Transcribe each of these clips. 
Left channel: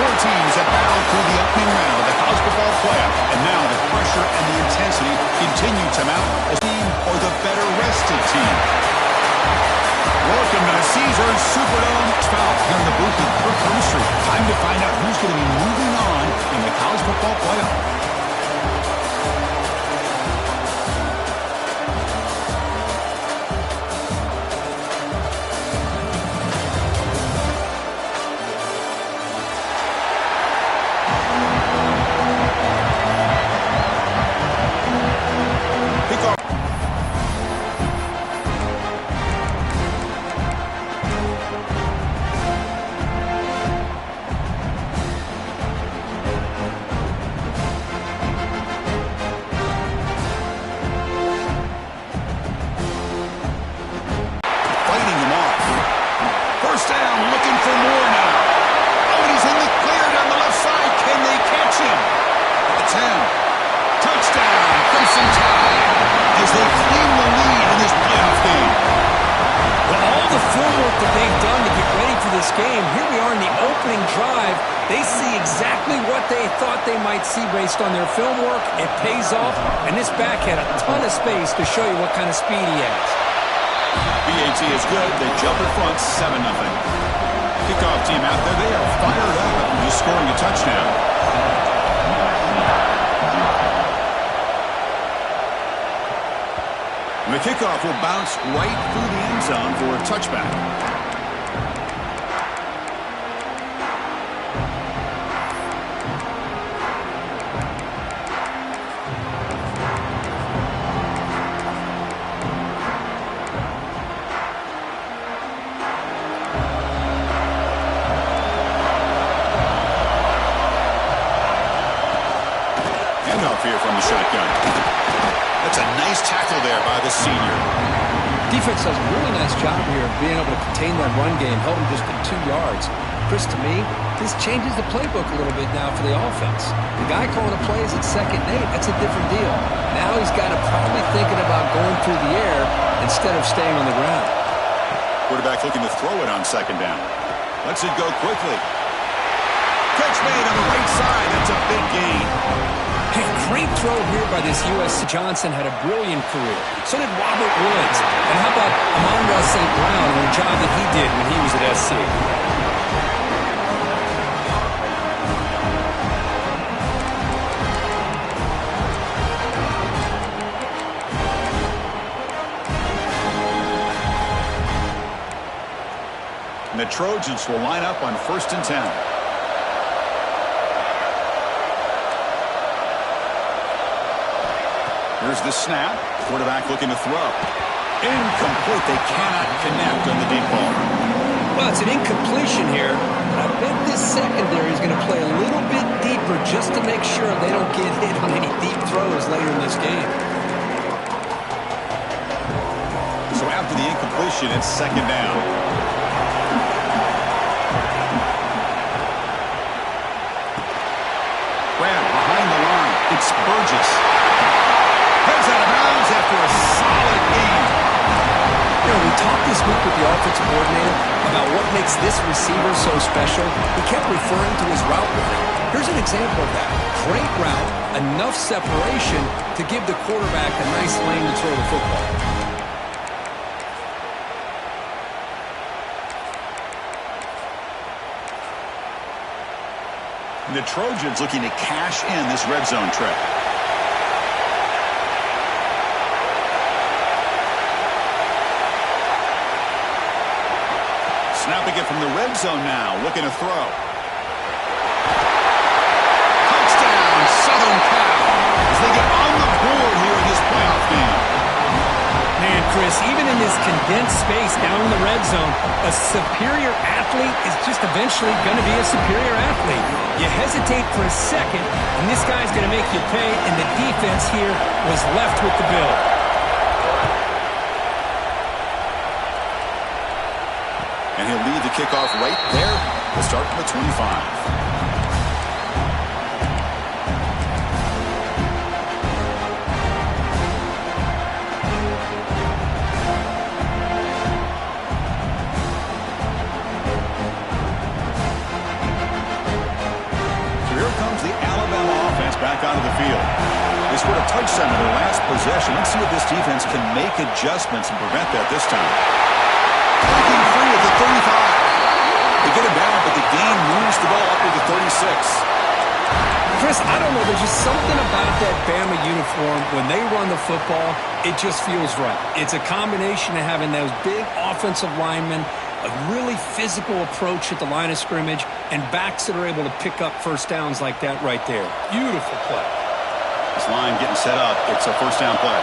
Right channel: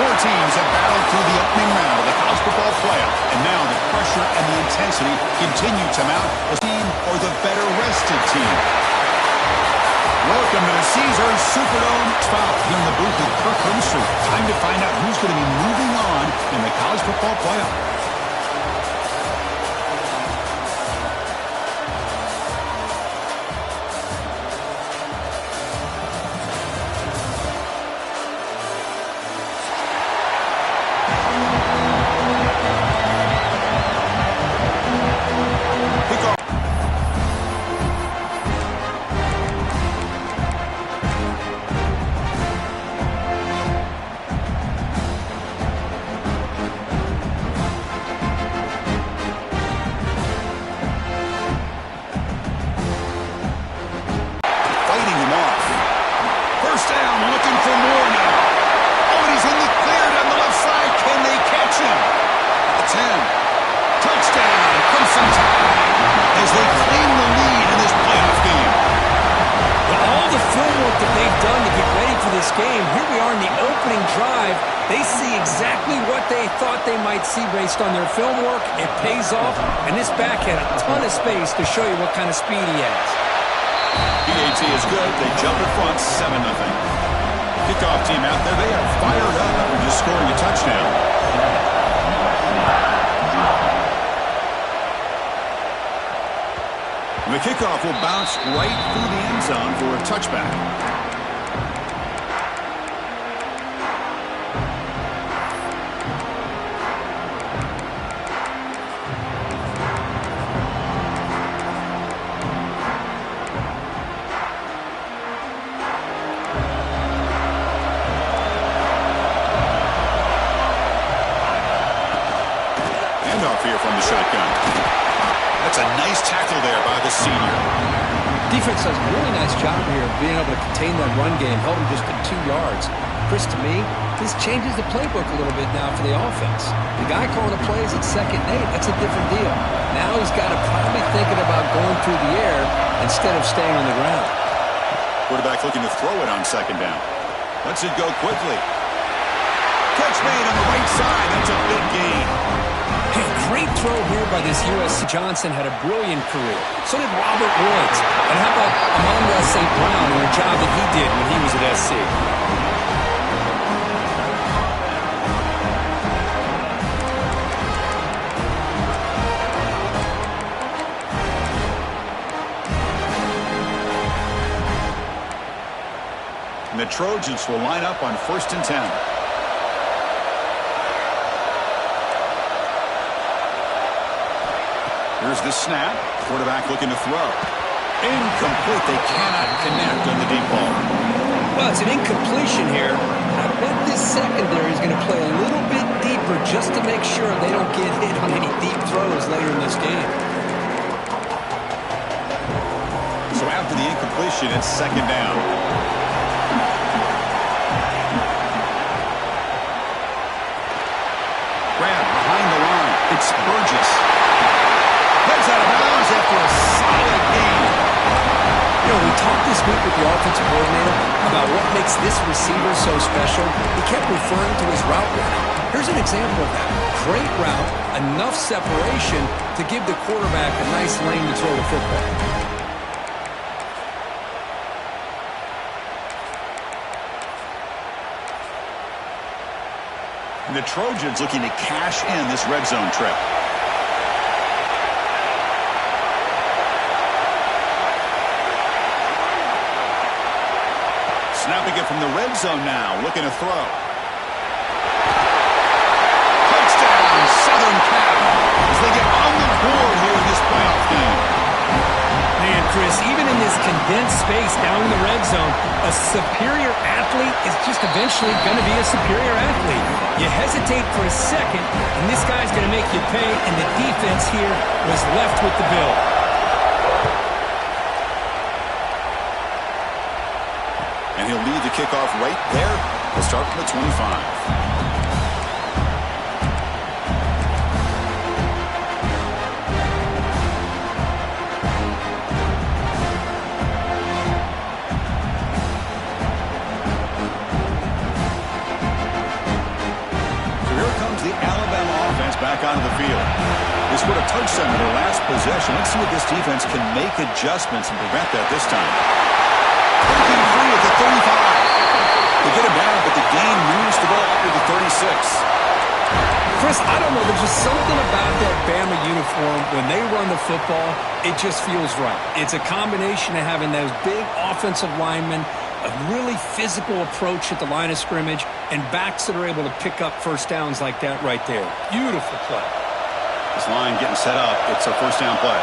Four teams have battled through the opening round of the college football playoff, and now the pressure and the intensity continue to mount. The team or the better rested team. Welcome to the Caesars Superdome. Foul here in the booth with Kirk Herbstreit. Time to find out who's going to be moving on in the college football playoff. Fighting him off. First down, looking for more now. Oh, and he's in the clear down the left side. Can they catch him? At the 10. Touchdown, Crimson Tide, as they claim the lead in this playoff game. Well, all the film work that they've done to get ready for this game, here we are in the opening drive. They see exactly what they thought they might see based on their film work. It pays off, and this back had a ton of space to show you what kind of speed he has. BAT is good. They jump in front, 7-0. Kickoff team out there. They are fired up after just scoring a touchdown. And the kickoff will bounce right through the end zone for a touchback. Handoff here from the shotgun. That's a nice tackle there by the senior. Defense does a really nice job here of being able to contain that run game, held him just at 2 yards. Chris, to me, this changes the playbook a little bit now for the offense. The guy calling the plays at 2nd and 8, that's a different deal. Now he's got to probably thinking about going through the air instead of staying on the ground. Quarterback looking to throw it on 2nd down. Lets it go quickly. Catch made on the right side. That's a big gain. Hey, great throw here by this USC. Johnson had a brilliant career. So did Robert Woods. And how about Amon-Ra St. Brown and the job that he did when he was at SC? And the Trojans will line up on 1st and 10. Here's the snap. Quarterback looking to throw. Incomplete. They cannot connect on the deep ball. Well, it's an incompletion here. I bet this secondary is going to play a little bit deeper just to make sure they don't get hit on any deep throws later in this game. So after the incompletion, it's 2nd down. Grab behind the line. It's Burgess. Heads out of bounds after a solid game. You know, we talked this week with the offensive coordinator about what makes this receiver so special. He kept referring to his route running. Here's an example of that. Great route, enough separation to give the quarterback a nice lane to throw the football. And the Trojans looking to cash in this red zone trip. Snapping it from the red zone now, looking to throw. Touchdown, Southern Cal, as they get on the board here in this playoff game. Man, Chris, even in this condensed space down in the red zone, a superior athlete is just eventually going to be a superior athlete. You hesitate for a second, and this guy's going to make you pay, and the defense here was left with the bill. And he'll lead the kickoff right there. We'll start from the 25. back onto the field. They scored a touchdown in their last possession. Let's see if this defense can make adjustments and prevent that this time. Breaking free at the 35. They get him down, but the gain moves the ball up to the 36. Chris, I don't know. There's just something about that Bama uniform. When they run the football, it just feels right. It's a combination of having those big offensive linemen, a really physical approach at the line of scrimmage, and backs that are able to pick up first downs like that right there. Beautiful play. This line getting set up. It's a first down play.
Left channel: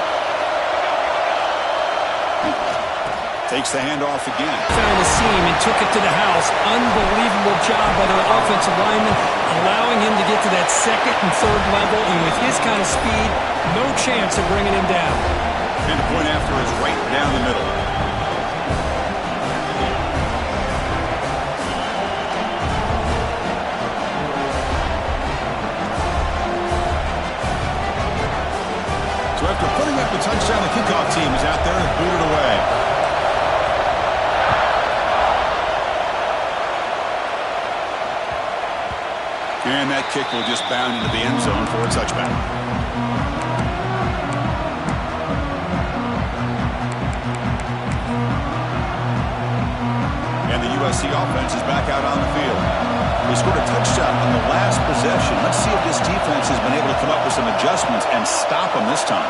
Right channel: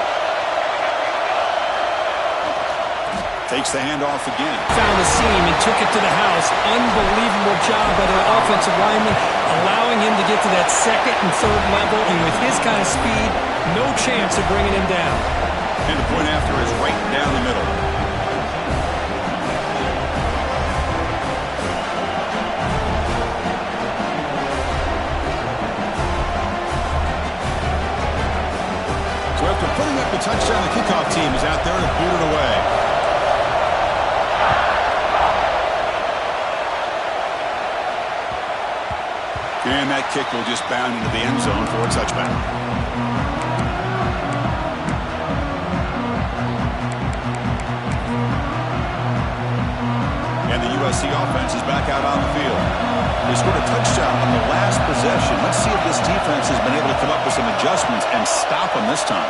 Takes the handoff again. Found the seam and took it to the house. Unbelievable job by the offensive lineman, allowing him to get to that second and third level. And with his kind of speed, no chance of bringing him down. And the point after is right down the middle. So after putting up the touchdown, the kickoff team is out there to boot it away. And that kick will just bound into the end zone for a touchback. And the USC offense is back out on the field. They scored a touchdown on the last possession. Let's see if this defense has been able to come up with some adjustments and stop them this time.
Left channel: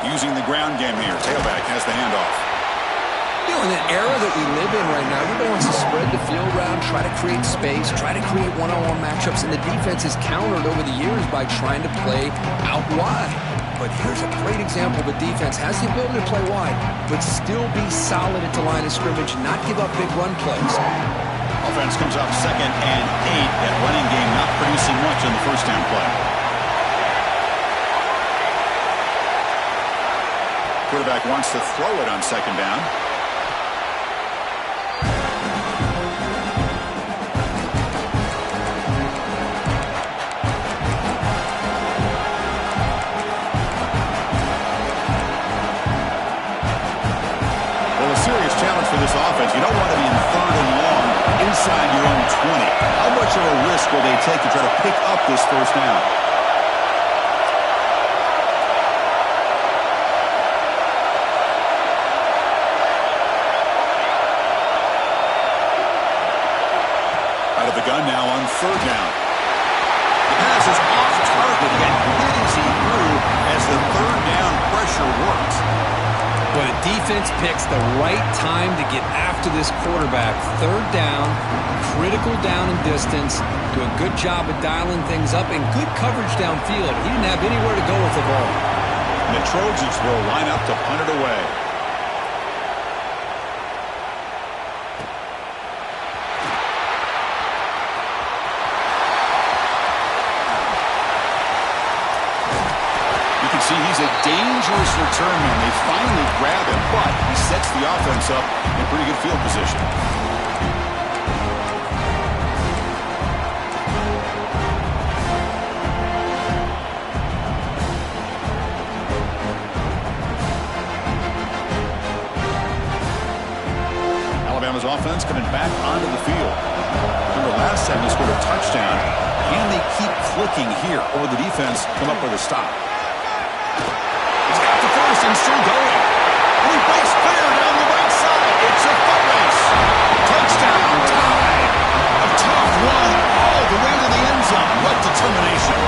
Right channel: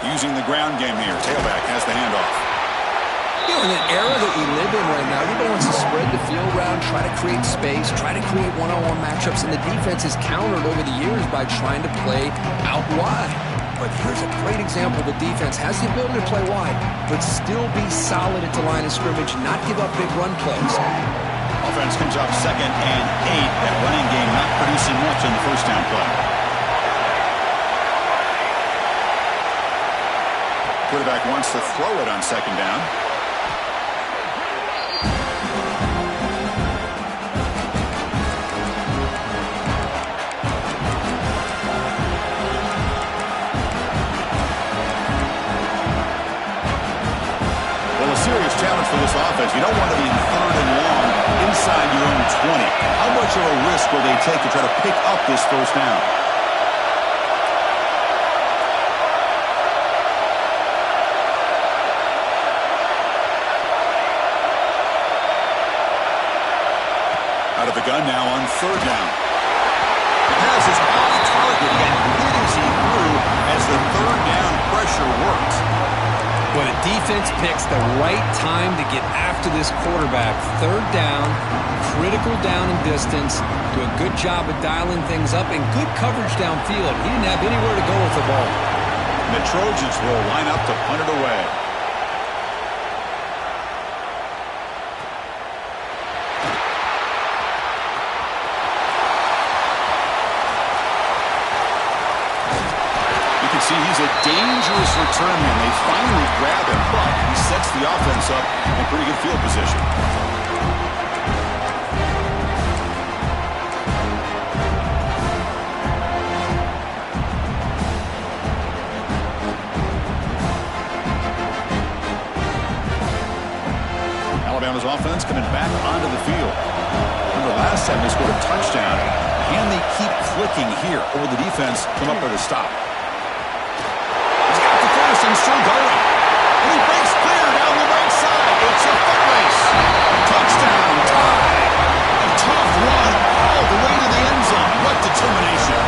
Using the ground game here. Tailback has the handoff. You know, in an era that we live in right now, everybody wants to spread the field around, try to create space, try to create one-on-one matchups, and the defense has countered over the years by trying to play out wide. But here's a great example of a defense has the ability to play wide, but still be solid at the line of scrimmage, not give up big run plays. Offense comes up 2nd and 8. That running game not producing much on the first down play. Quarterback wants to throw it on 2nd down. Well, a serious challenge for this offense. You don't want to be in 3rd and long inside your own 20. How much of a risk will they take to try to pick up this first down? Out of the gun now on 3rd down. The pass is off target. He got hit as he grew as the 3rd down pressure worked. When a defense picks the right time to get after this quarterback, 3rd down, critical down and distance, do a good job of dialing things up, and good coverage downfield. He didn't have anywhere to go with the ball. And the Trojans will line up to punt it away. See, he's a dangerous return man. They finally grab him, but he sets the offense up in pretty good field position. Alabama's offense coming back onto the field. Remember last time they scored a touchdown. Can they keep clicking here, or will the defense come up with a stop? First and still going. And he breaks clear down the right side. It's a foot race. Touchdown, tied. A tough one all the way to the end zone. What determination.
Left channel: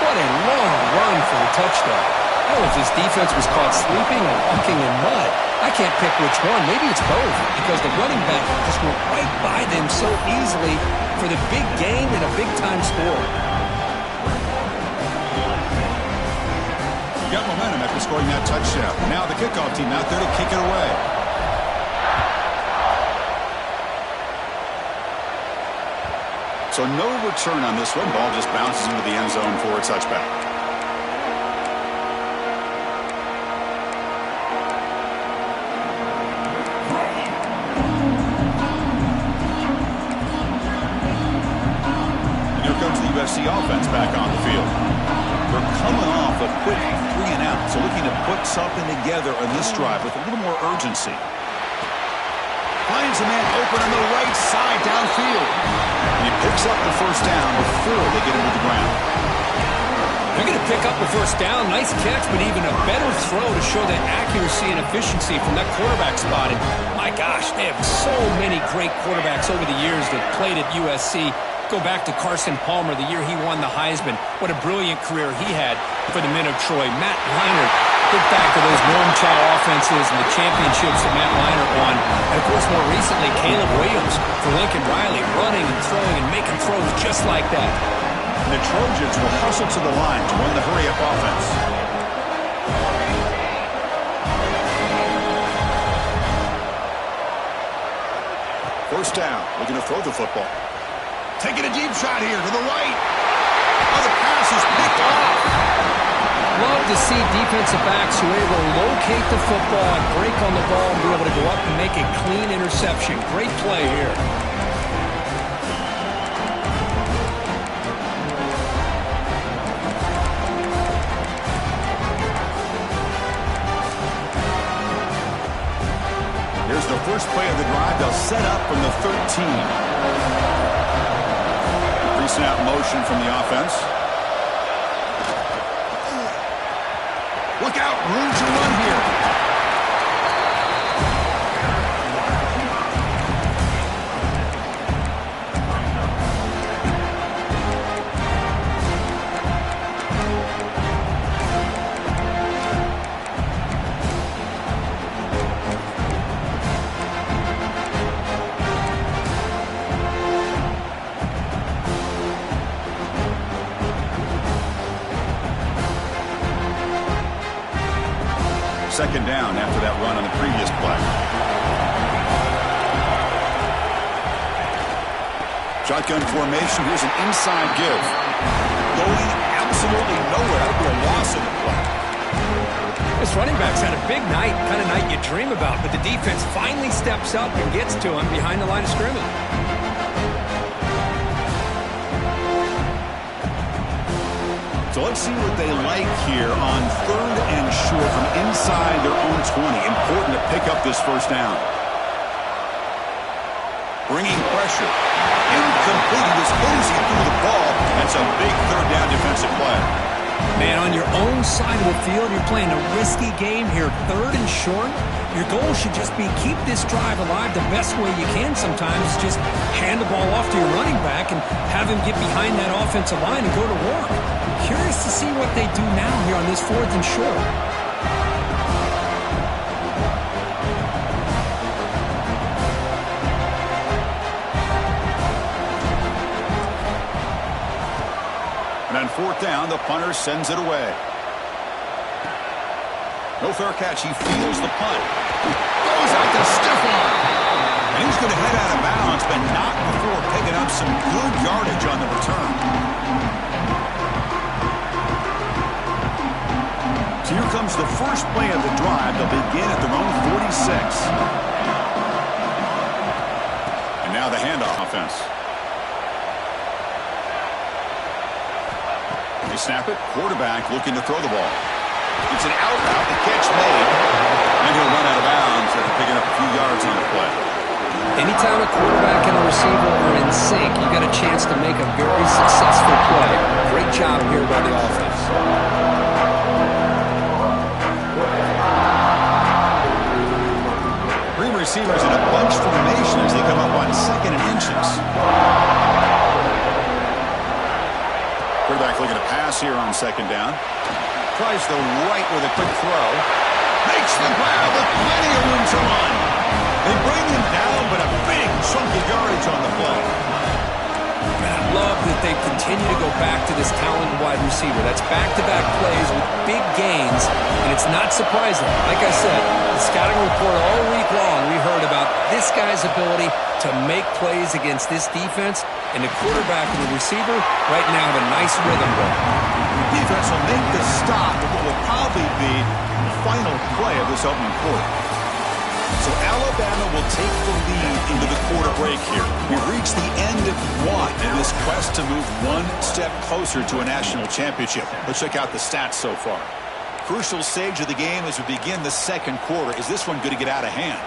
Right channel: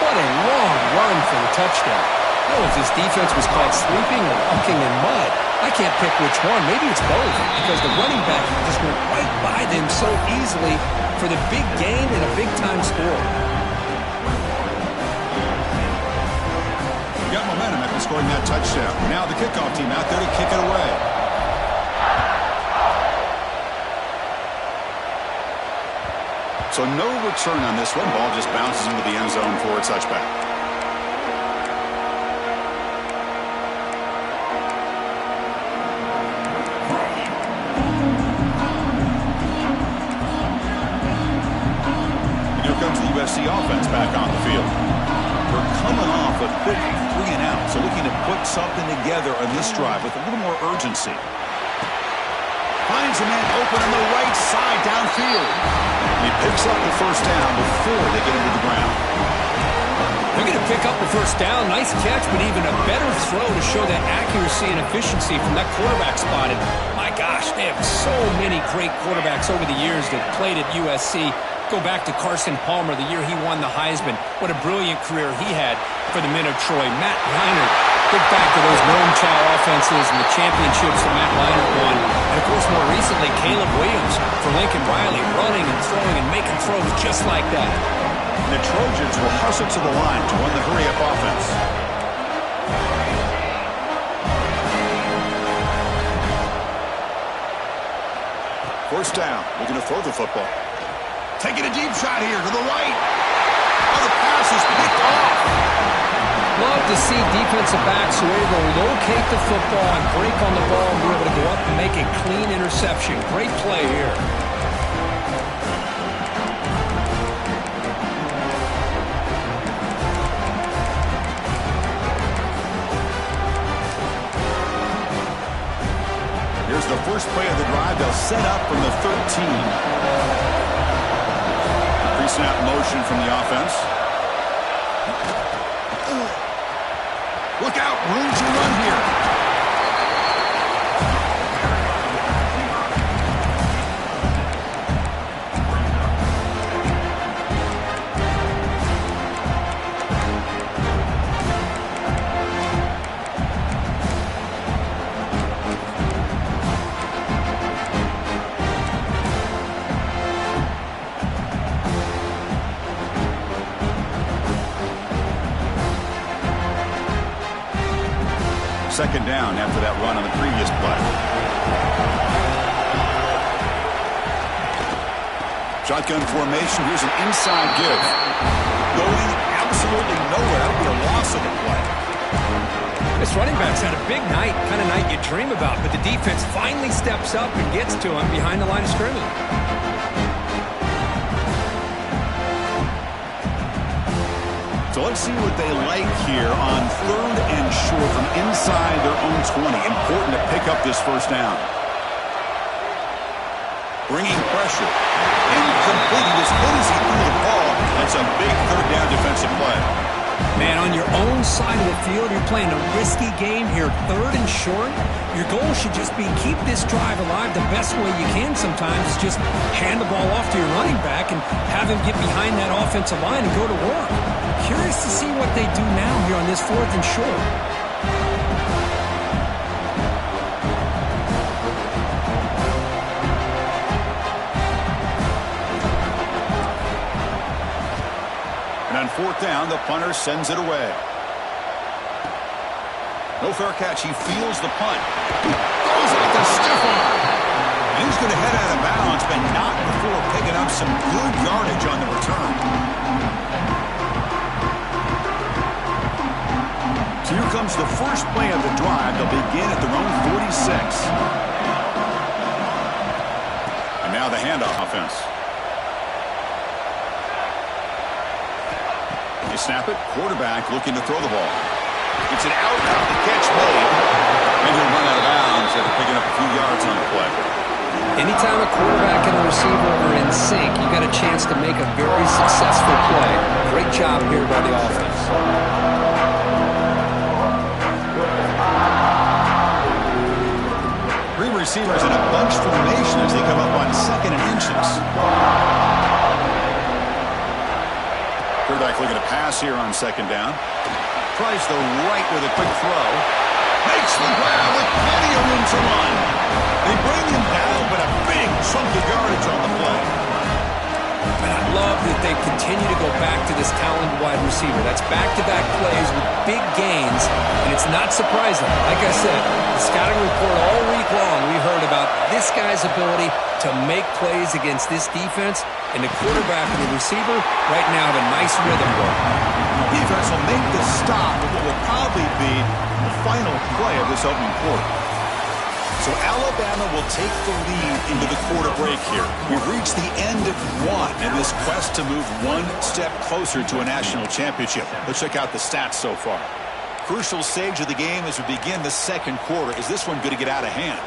What a long run for the touchdown. I don't know if this defense was caught sleeping or walking in mud. I can't pick which one. Maybe it's both, because the running back just went right by them so easily for the big gain and a big-time score. Got momentum after scoring that touchdown. Now the kickoff team out there to kick it away. So no return on this one. Ball just bounces into the end zone for a touchback. And here comes the USC offense back on the field. They're coming off a quick 3 and out. So looking to put something together on this drive with a little more urgency. Finds a man open on the right side downfield. And he picks up the first down before they get him to the ground. They're going to pick up the first down. Nice catch, but even a better throw to show that accuracy and efficiency from that quarterback spot. And my gosh, they have so many great quarterbacks over the years that played at USC. Go back to Carson Palmer, the year he won the Heisman. What a brilliant career he had for the men of Troy. Matt Leinart, think back to those Noam Chow offenses and the championships that Matt Leinart won. And, of course, more recently, Caleb Williams for Lincoln Riley, running and throwing and making throws just like that. And the Trojans will hustle to the line to run the hurry-up offense. First down, looking to throw the football. Taking a deep shot here to the right. Oh, the pass is picked off. Love to see defensive backs who are able to locate the football and break on the ball and be able to go up and make a clean interception. Great play here. Here's the first play of the drive. They'll set up from the 13. Pre-snap motion from the offense. Look out, room to run here. Second down after that run on the previous play. Shotgun formation. Here's an inside give. Going absolutely nowhere. That'll be a loss of the play. This running back's had a big night, kind of night you dream about, but the defense finally steps up and gets to him behind the line of scrimmage. So let's see what they like here on 3rd and short from inside their own 20. Important to pick up this first down. Bringing pressure. Incomplete. He was hit as he threw the ball. That's a big 3rd down defensive play. Man, on your own side of the field, you're playing a risky game here. 3rd and short. Your goal should just be keep this drive alive the best way you can sometimes. Just hand the ball off to your running back and have him get behind that offensive line and go to work. Curious to see what they do now here on this 4th and short. And on 4th down, the punter sends it away. No fair catch. He feels the punt. Goes out to stiff arm. And he's going to head out of bounds, but not before picking up some good yardage on the return. So here comes the first play of the drive. They'll begin at their own 46. And now the handoff offense. They snap it. Quarterback looking to throw the ball. It's an out route. The catch made. And he'll run out of bounds after picking up a few yards on the play. Anytime a quarterback and a receiver are in sync, you got a chance to make a very successful play. Great job here by the offense. Receivers in a bunch formation as they come up on 2nd and inches. Quarterback looking to pass here on 2nd down. Tries the right with a quick throw. Makes the grab with plenty of room to run. They bring him down, but a big chunk of yardage on the play. And I love that they continue to go back to this talented wide receiver. That's back-to-back plays with big gains, and it's not surprising. Like I said, the scouting report all week long, we heard about this guy's ability to make plays against this defense, and the quarterback and the receiver right now have a nice rhythm going. Defense will make the stop of what will probably be the final play of this opening quarter. So Alabama will take the lead into the quarter break here. We've reached the end of one in this quest to move one step closer to a national championship. Let's check out the stats so far. Crucial stage of the game as we begin the second quarter. Is this one going to get out of hand?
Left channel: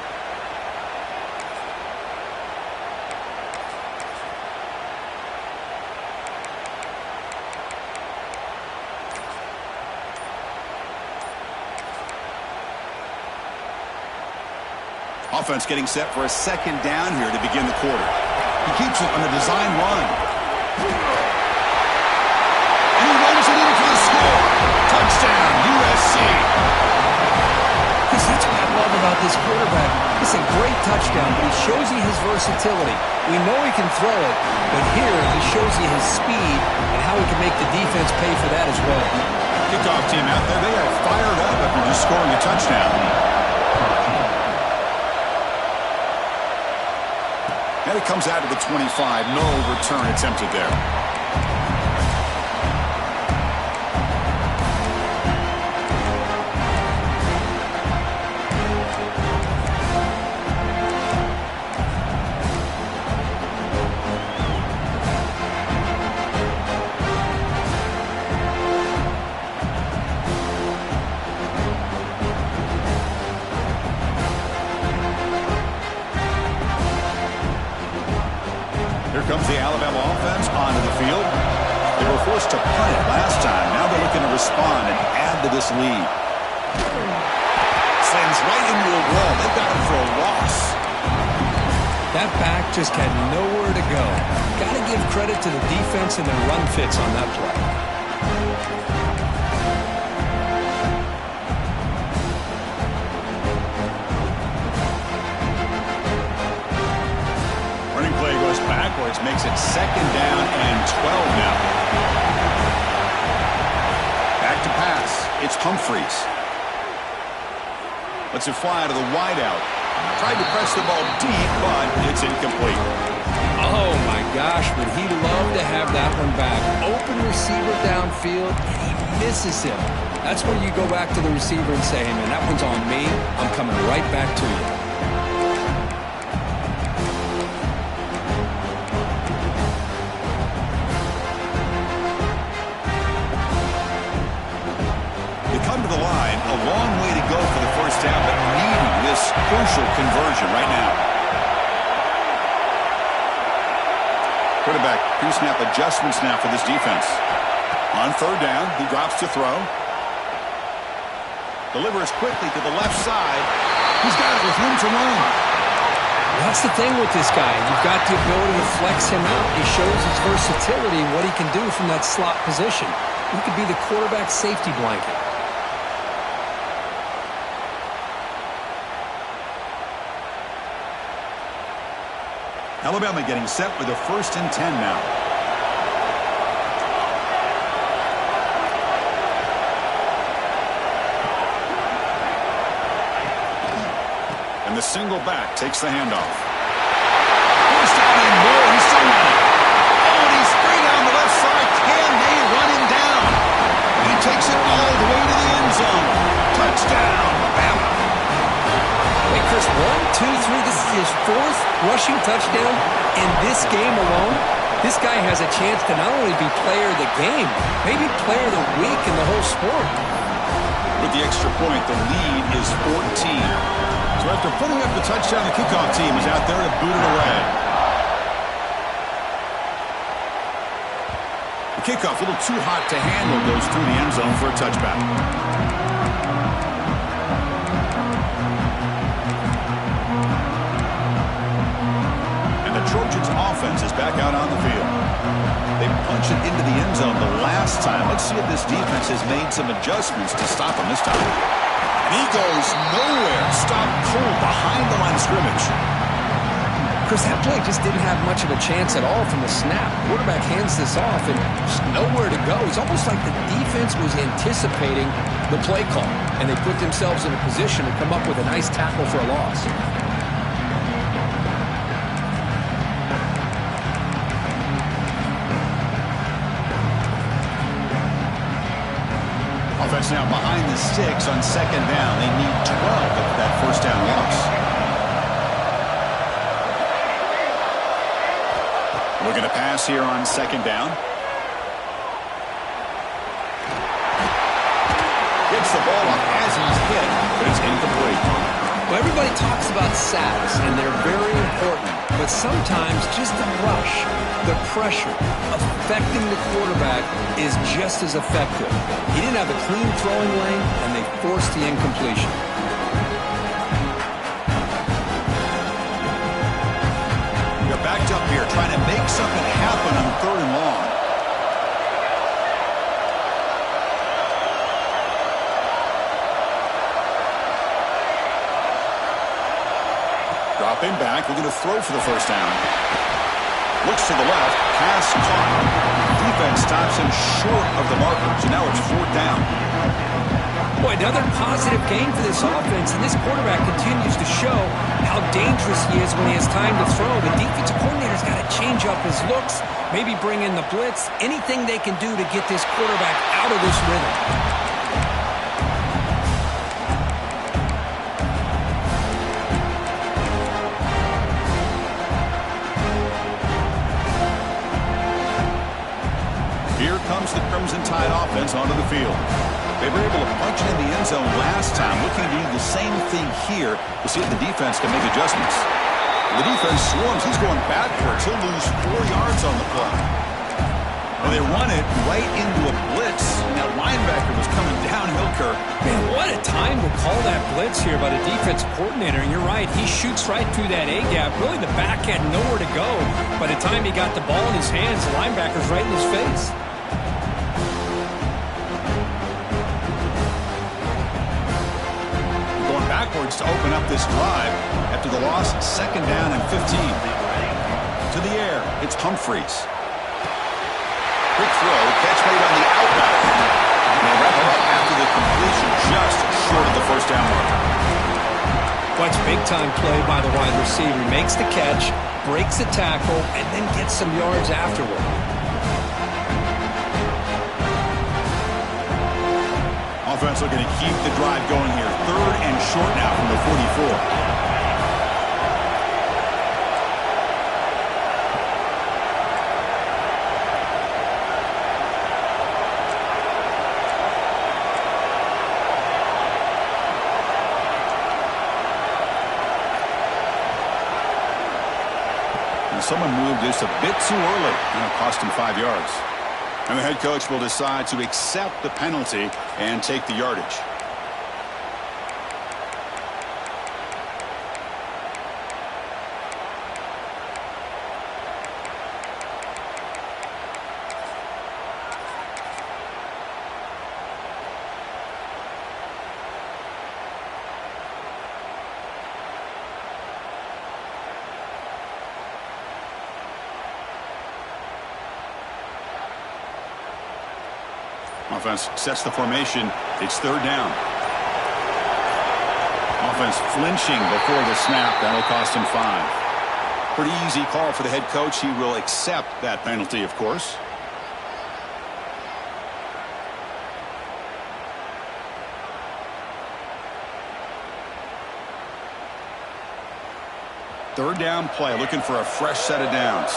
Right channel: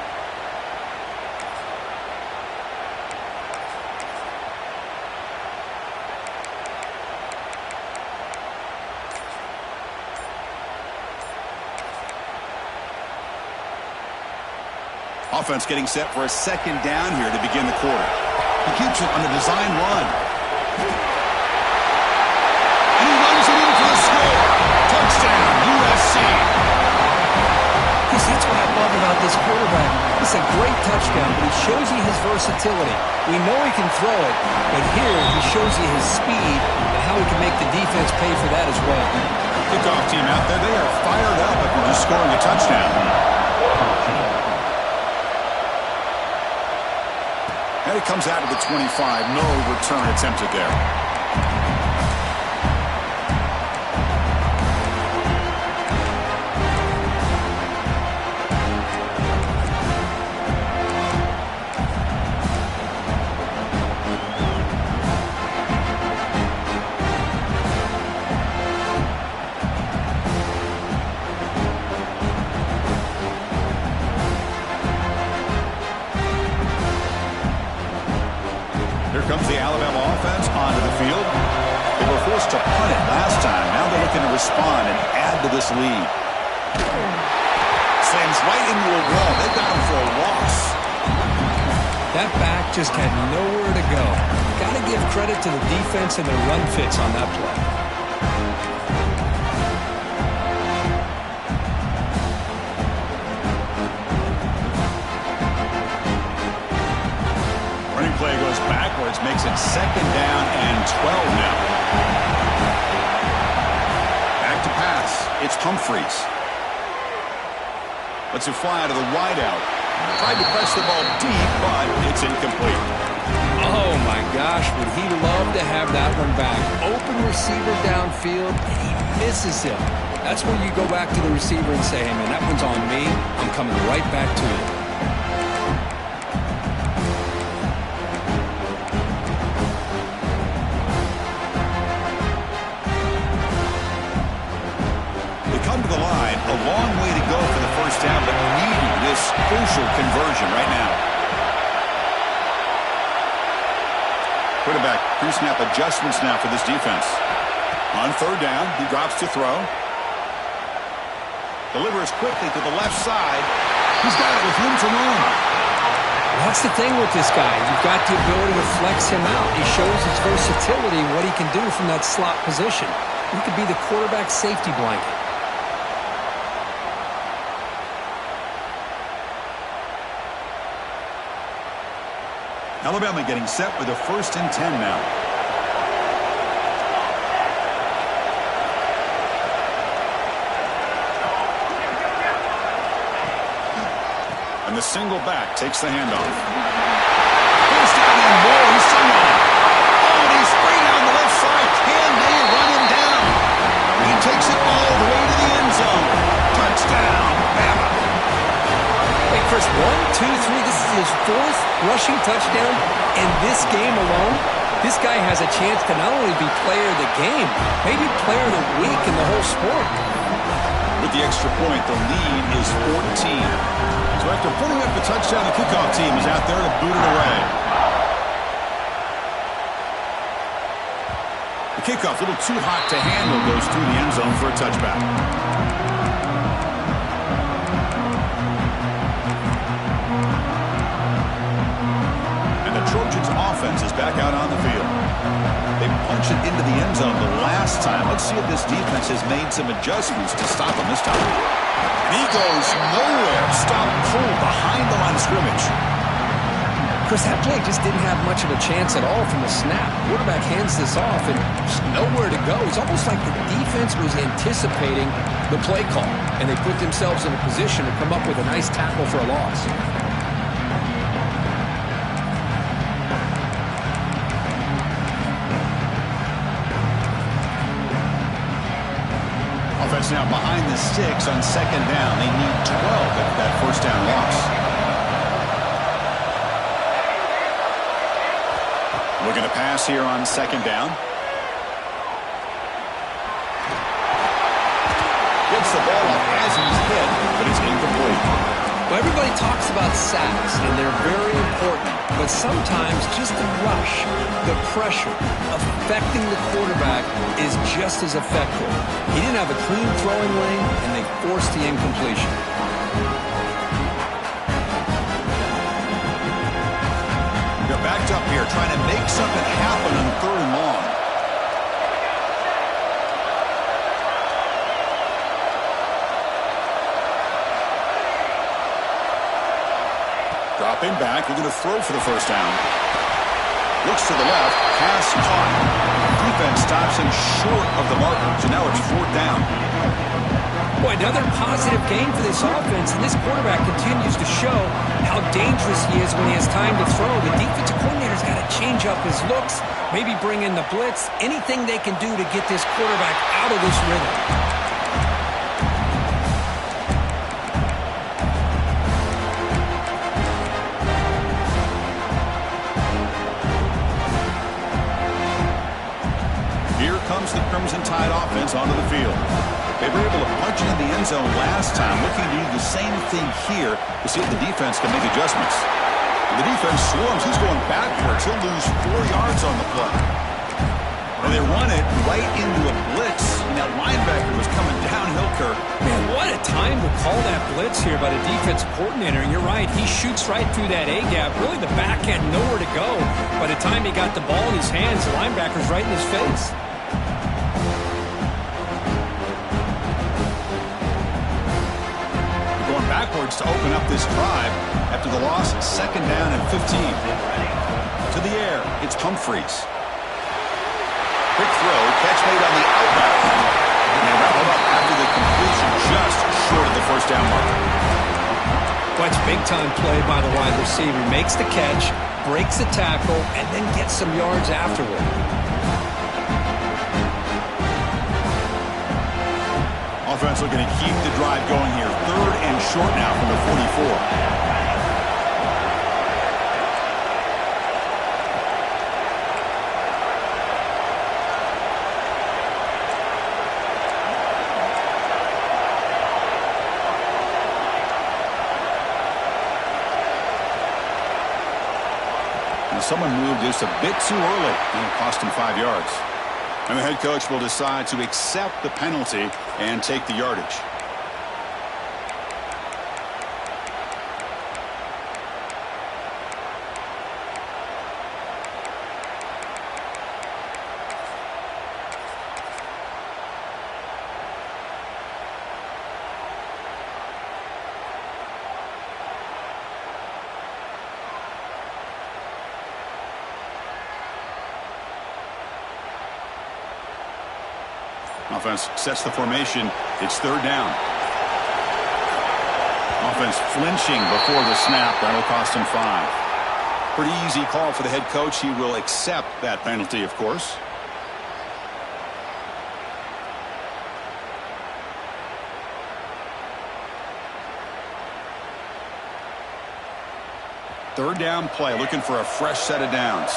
Offense getting set for a second down here to begin the quarter. He keeps it on a design run. And he runs it in for the score. Touchdown, USC. Chris, that's what I love about this quarterback. It's a great touchdown, but he shows you his versatility. We know he can throw it, but here he shows you his speed and how he can make the defense pay for that as well. Kickoff team out there, they are fired up after just scoring a touchdown. And it comes out to the 25. No return attempted there. Here comes the Alabama offense onto the field. They were forced to punt it last time. Now they're looking to respond and add to this lead. Slams right into a wall. They got him for a loss. That back just had nowhere to go. Got to give credit to the defense and their run fits on that play. Play goes backwards, makes it second down and 12 now. Back to pass. It's Humphreys. Lets it fly to the wideout. Tried to press the ball deep, but it's incomplete. Oh, my gosh, would he love to have that one back. Open receiver downfield, and he misses him. That's where you go back to the receiver and say, hey, man, that one's on me. I'm coming right back to you. Come to the line, a long way to go for the first down, but needing this crucial conversion right now. Quarterback pre-snap adjustments now for this defense. On third down, he drops to throw. Delivers quickly to the left side. He's got it with room to run. That's the thing with this guy. You've got the ability to flex him out. He shows his versatility and what he can do from that slot position. He could be the quarterback safety blanket. Alabama getting set with a 1st and 10 now. And the single back takes the handoff. First down and more. He's still running. Oh, and he's straight down the left side. Can they run him down? He takes it all the way to the end zone. Touchdown, Bama. Hey, Chris, 1, 2, 3. This is his 4th rushing touchdown in this game alone. This guy has a chance to not only be player of the game, maybe player of the week in the whole sport. With the extra point, the lead is 14. So after putting up the touchdown, the kickoff team is out there to boot it away. The kickoff, a little too hot to handle, goes through the end zone for a touchback. Trojans offense is back out on the field. They punch it into the end zone the last time. Let's see if this defense has made some adjustments to stop him this time. And he goes nowhere. Stop cold behind the line of scrimmage. Chris, that play just didn't have much of a chance at all from the snap. Quarterback hands this off and just nowhere to go. It's almost like the defense was anticipating the play call, and they put themselves in a position to come up with a nice tackle for a loss. Offense now behind the sticks on second down. They need 12 after that first down loss. Looking to pass here on second down. Gets the ball up as he's hit, but it's incomplete. Well, everybody talks about sacks, and they're very important. But sometimes just the rush, the pressure, affecting the quarterback is just as effective. He didn't have a clean throwing lane, and they forced the incompletion. They're backed up here, trying to make something happen on 3rd and long. Dropping back, looking to throw for the first down. Looks to the left, pass caught. Defense stops him short of the marker, so now it's 4th down. Boy, another positive game for this offense, and this quarterback continues to show how dangerous he is when he has time to throw. The defensive coordinator's got to change up his looks, maybe bring in the blitz, anything they can do to get this quarterback out of this rhythm. Here comes the Crimson Tide offense onto the field. They were able to punch it in the end zone last time, looking to do the same thing here to see if the defense can make adjustments. The defense swarms. He's going backwards. He'll lose 4 yards on the play. And they run it right into a blitz, and that linebacker was coming downhill, Kirk. Man, what a time to call that blitz here by the defensive coordinator. And you're right, he shoots right through that A-gap. Really, the back had nowhere to go. By the time he got the ball in his hands, the linebacker's right in his face. Going backwards to open up this drive after the loss, 2nd down and 15. To the air, it's Humphreys. Quick throw, catch made on the out route. And they wrap it up after the completion just short of the 1st down marker. Well, it's big-time play by the wide receiver. Makes the catch, breaks the tackle, and then gets some yards afterward. Offense looking to keep the drive going here. 3rd and short now from the 44. Now someone moved just a bit too early, and it cost him 5 yards. And the head coach will decide to accept the penalty and take the yardage. Offense sets the formation. It's 3rd down. Offense flinching before the snap. That'll cost him 5. Pretty easy call for the head coach. He will accept that penalty, of course. Third down play, looking for a fresh set of downs.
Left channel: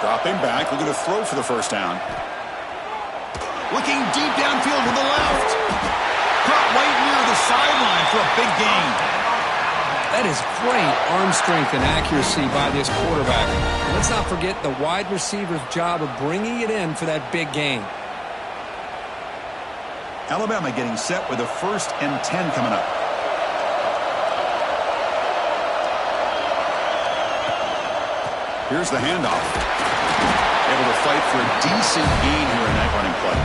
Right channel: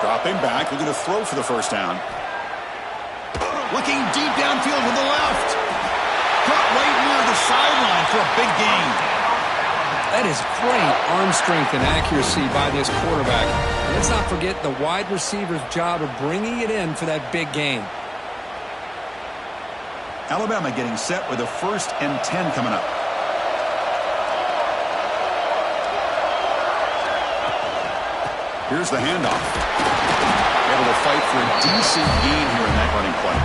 Dropping back, looking to throw for the first down. Looking deep downfield with the left. Caught right near the sideline for a big gain. That is great arm strength and accuracy by this quarterback. And let's not forget the wide receiver's job of bringing it in for that big gain. Alabama getting set with a 1st and 10 coming up. Here's the handoff. Able to fight for a decent gain here in that running play.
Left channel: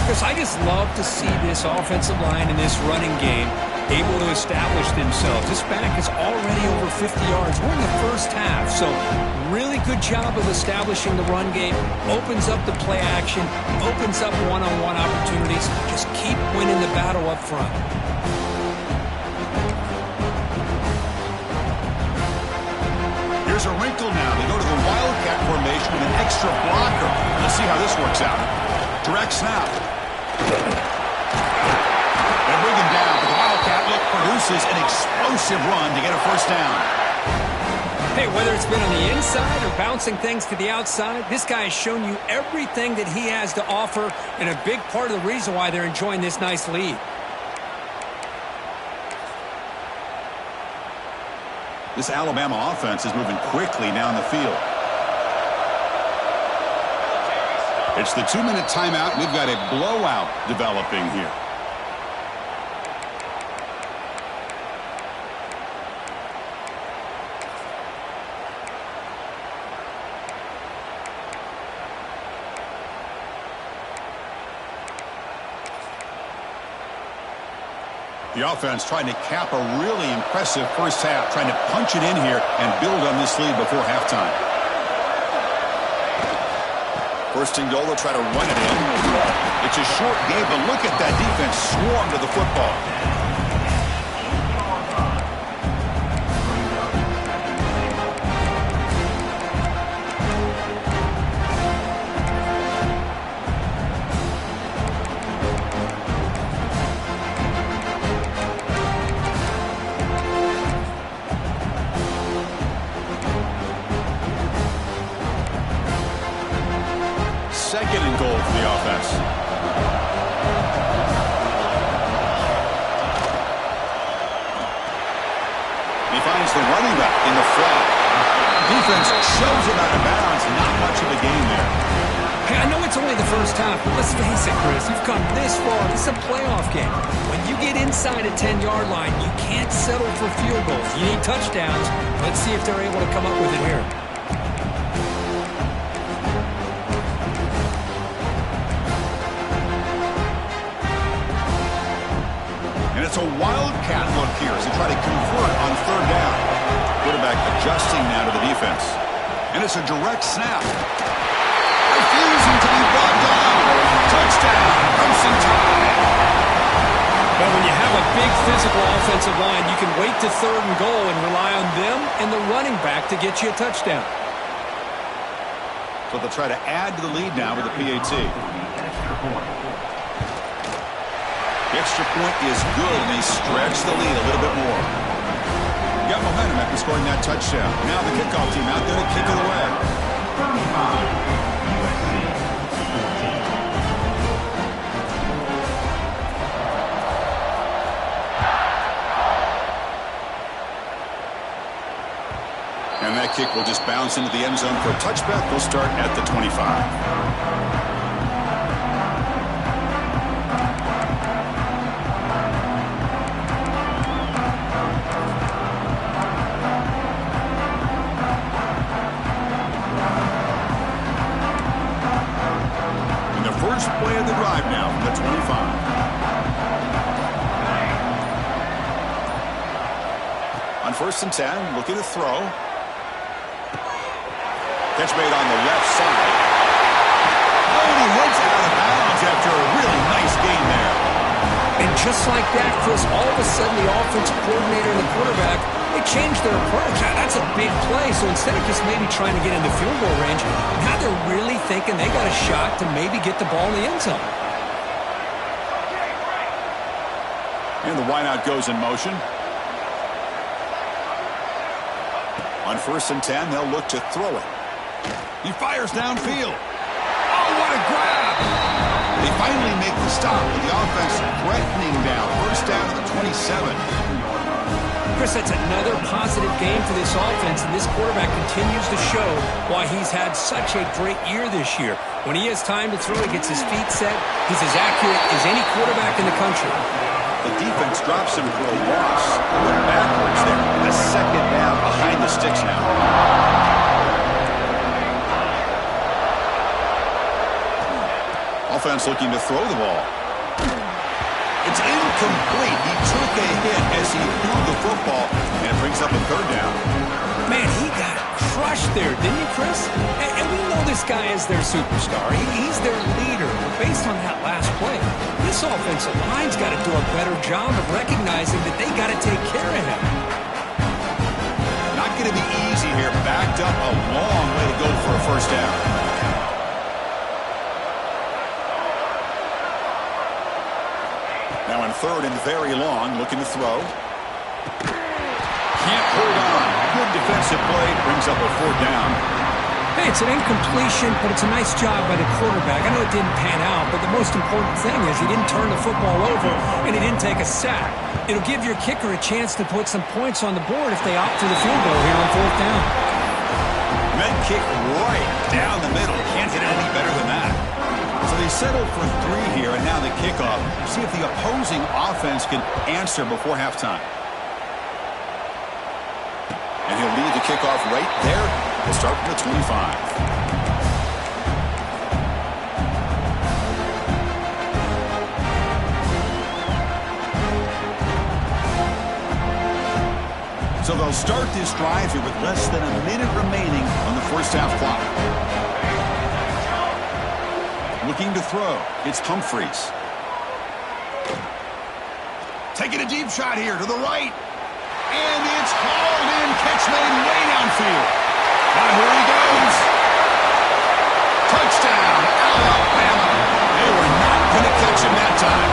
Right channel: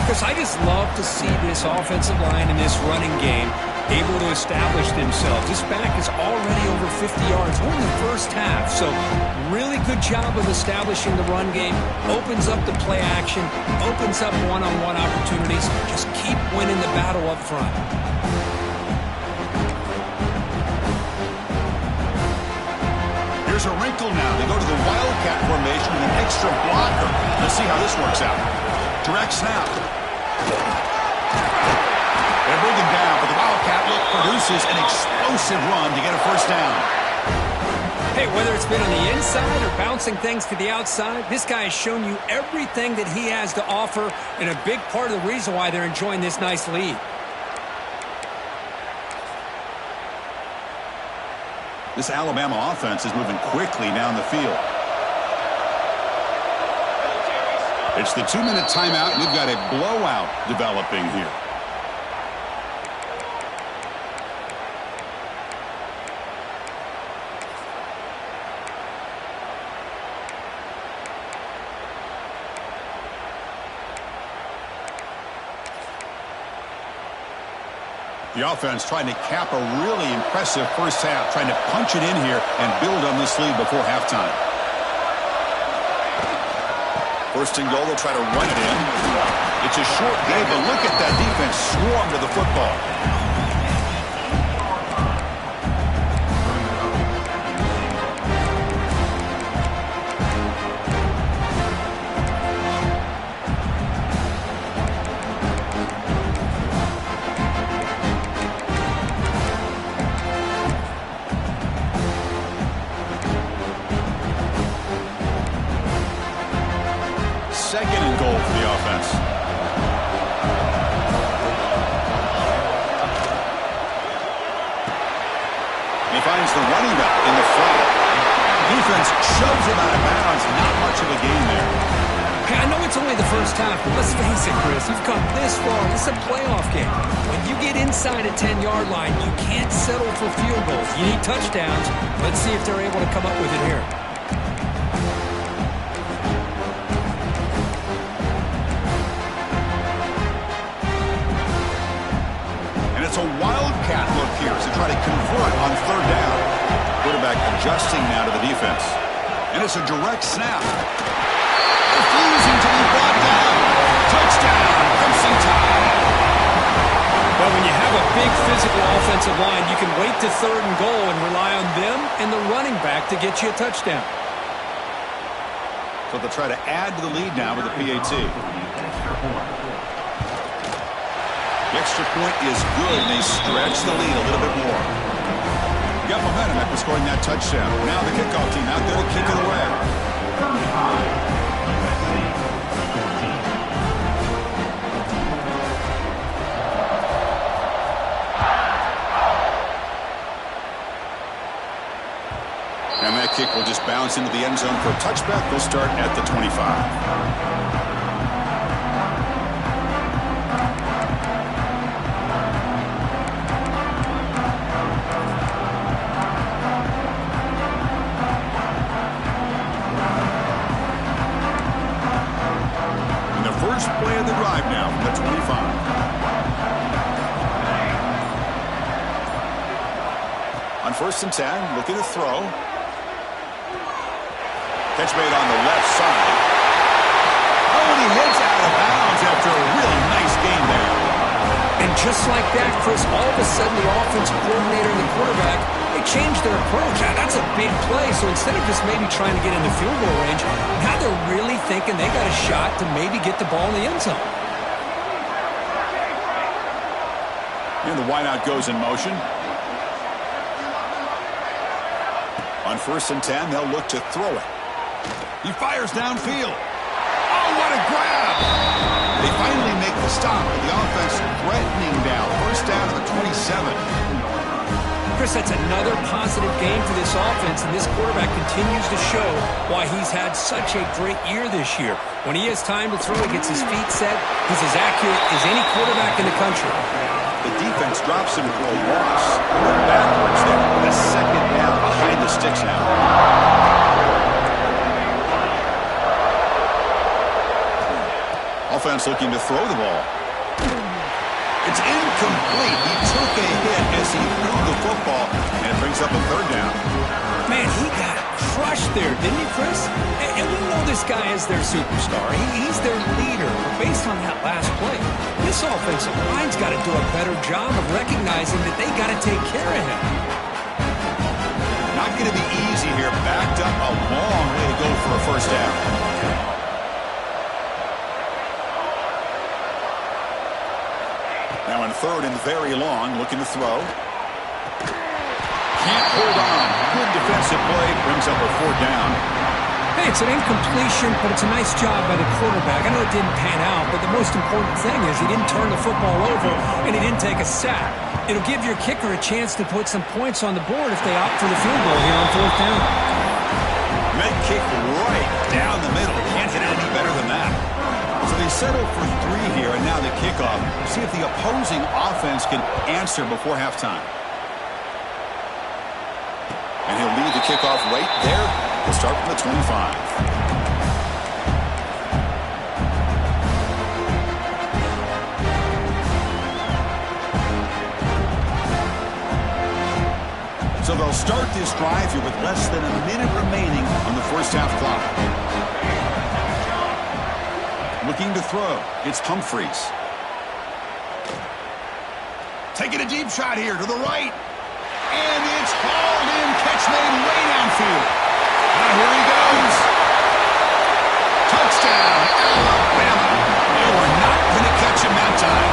Because I just love to see this offensive line and this running game able to establish themselves. This back is already over 50 yards. We're in the first half, so really good job of establishing the run game. Opens up the play action, opens up one-on-one opportunities. Just keep winning the battle up front. Here's a wrinkle now. They go to the Wildcat formation with an extra blocker. Let's see how this works out. Direct snap. They bring him down, but the Wildcat look produces an explosive run to get a 1st down. Hey, whether it's been on the inside or bouncing things to the outside, this guy has shown you everything that he has to offer, and a big part of the reason why they're enjoying this nice lead. This Alabama offense is moving quickly down the field. It's the 2-minute timeout, and we've got a blowout developing here. The offense trying to cap a really impressive first half, trying to punch it in here and build on this lead before halftime. First and goal, they'll try to run it in. It's a short game, but look at that defense swarm to the football. Second and goal for the offense. And he finds the running back in the flat. Defense shoves him out of bounds. Not much of a gain there. Hey, I know it's only the first half, but let's face it, Chris. You've come this far. This is a playoff game. When you get inside a 10-yard line, you can't settle for field goals. You need touchdowns. Let's see if they're able to come up with it here. It's a wildcat look here as they try to convert on third down. Quarterback adjusting now to the defense. And it's a direct snap. Refusing to be brought down. Touchdown, Crimson Tide. Well, when you have a big physical offensive line, you can wait to third and goal and rely on them and the running back to get you a touchdown. So they'll try to add to the lead now with the PAT. The extra point is good, and they stretch the lead a little bit more. Got momentum after scoring that touchdown. Now the kickoff team out there to kick it away. And that kick will just bounce into the end zone for a touchback. They'll start at the 25. First play of the drive now from the 25. On 1st and 10, looking to throw. Catch made on the left side. Oh, and he heads out of bounds after a really nice gain there. And just like that, Chris, all of a sudden the offensive coordinator and the quarterback, they changed their approach. That's a big play. So instead of just maybe trying to get into field goal range, now they're really thinking they got a shot to maybe get the ball in the end zone. And the wideout goes in motion. On 1st and 10, they'll look to throw it. He fires downfield. Oh, what a grab! They finally make the stop with the offense threatening down. First down to the 27. Chris, that's another positive game for this offense, and this quarterback continues to show why he's had such a great year this year. When he has time to throw, he gets his feet set. He's as accurate as any quarterback in the country. The defense drops him for a loss. They went backwards there. The second down behind the sticks now. Offense looking to throw the ball. It's incomplete. He took a hit as he threw the football, and it brings up a third down. Man, he got crushed there, didn't he, Chris? And we know this guy is their superstar. He's their leader. But based on that last play, this offensive line's got to do a better job of recognizing that they got to take care of him. Not going to be easy here. Backed up a long way to go for a first down. Now in 3rd and very long, looking to throw. Can't hold on. Good defensive play. Brings up a 4th down. Hey, it's an incompletion, but it's a nice job by the quarterback. I know it didn't pan out, but the most important thing is he didn't turn the football over and he didn't take a sack. It'll give your kicker a chance to put some points on the board if they opt for the field goal here on 4th down. Med kick right down the middle. Can't hit it any better than that. So they settle for 3 here, and now the kickoff. See if the opposing offense can answer before halftime. And he'll lead the kickoff right there. He'll start from the 25. So they'll start this drive here with less than a minute remaining on the first half clock. Looking to throw. It's Humphreys. Taking a deep shot here to the right. And it's hauled in. Catch made way downfield. Here he goes. Touchdown, Alabama. They were not going to catch him that time.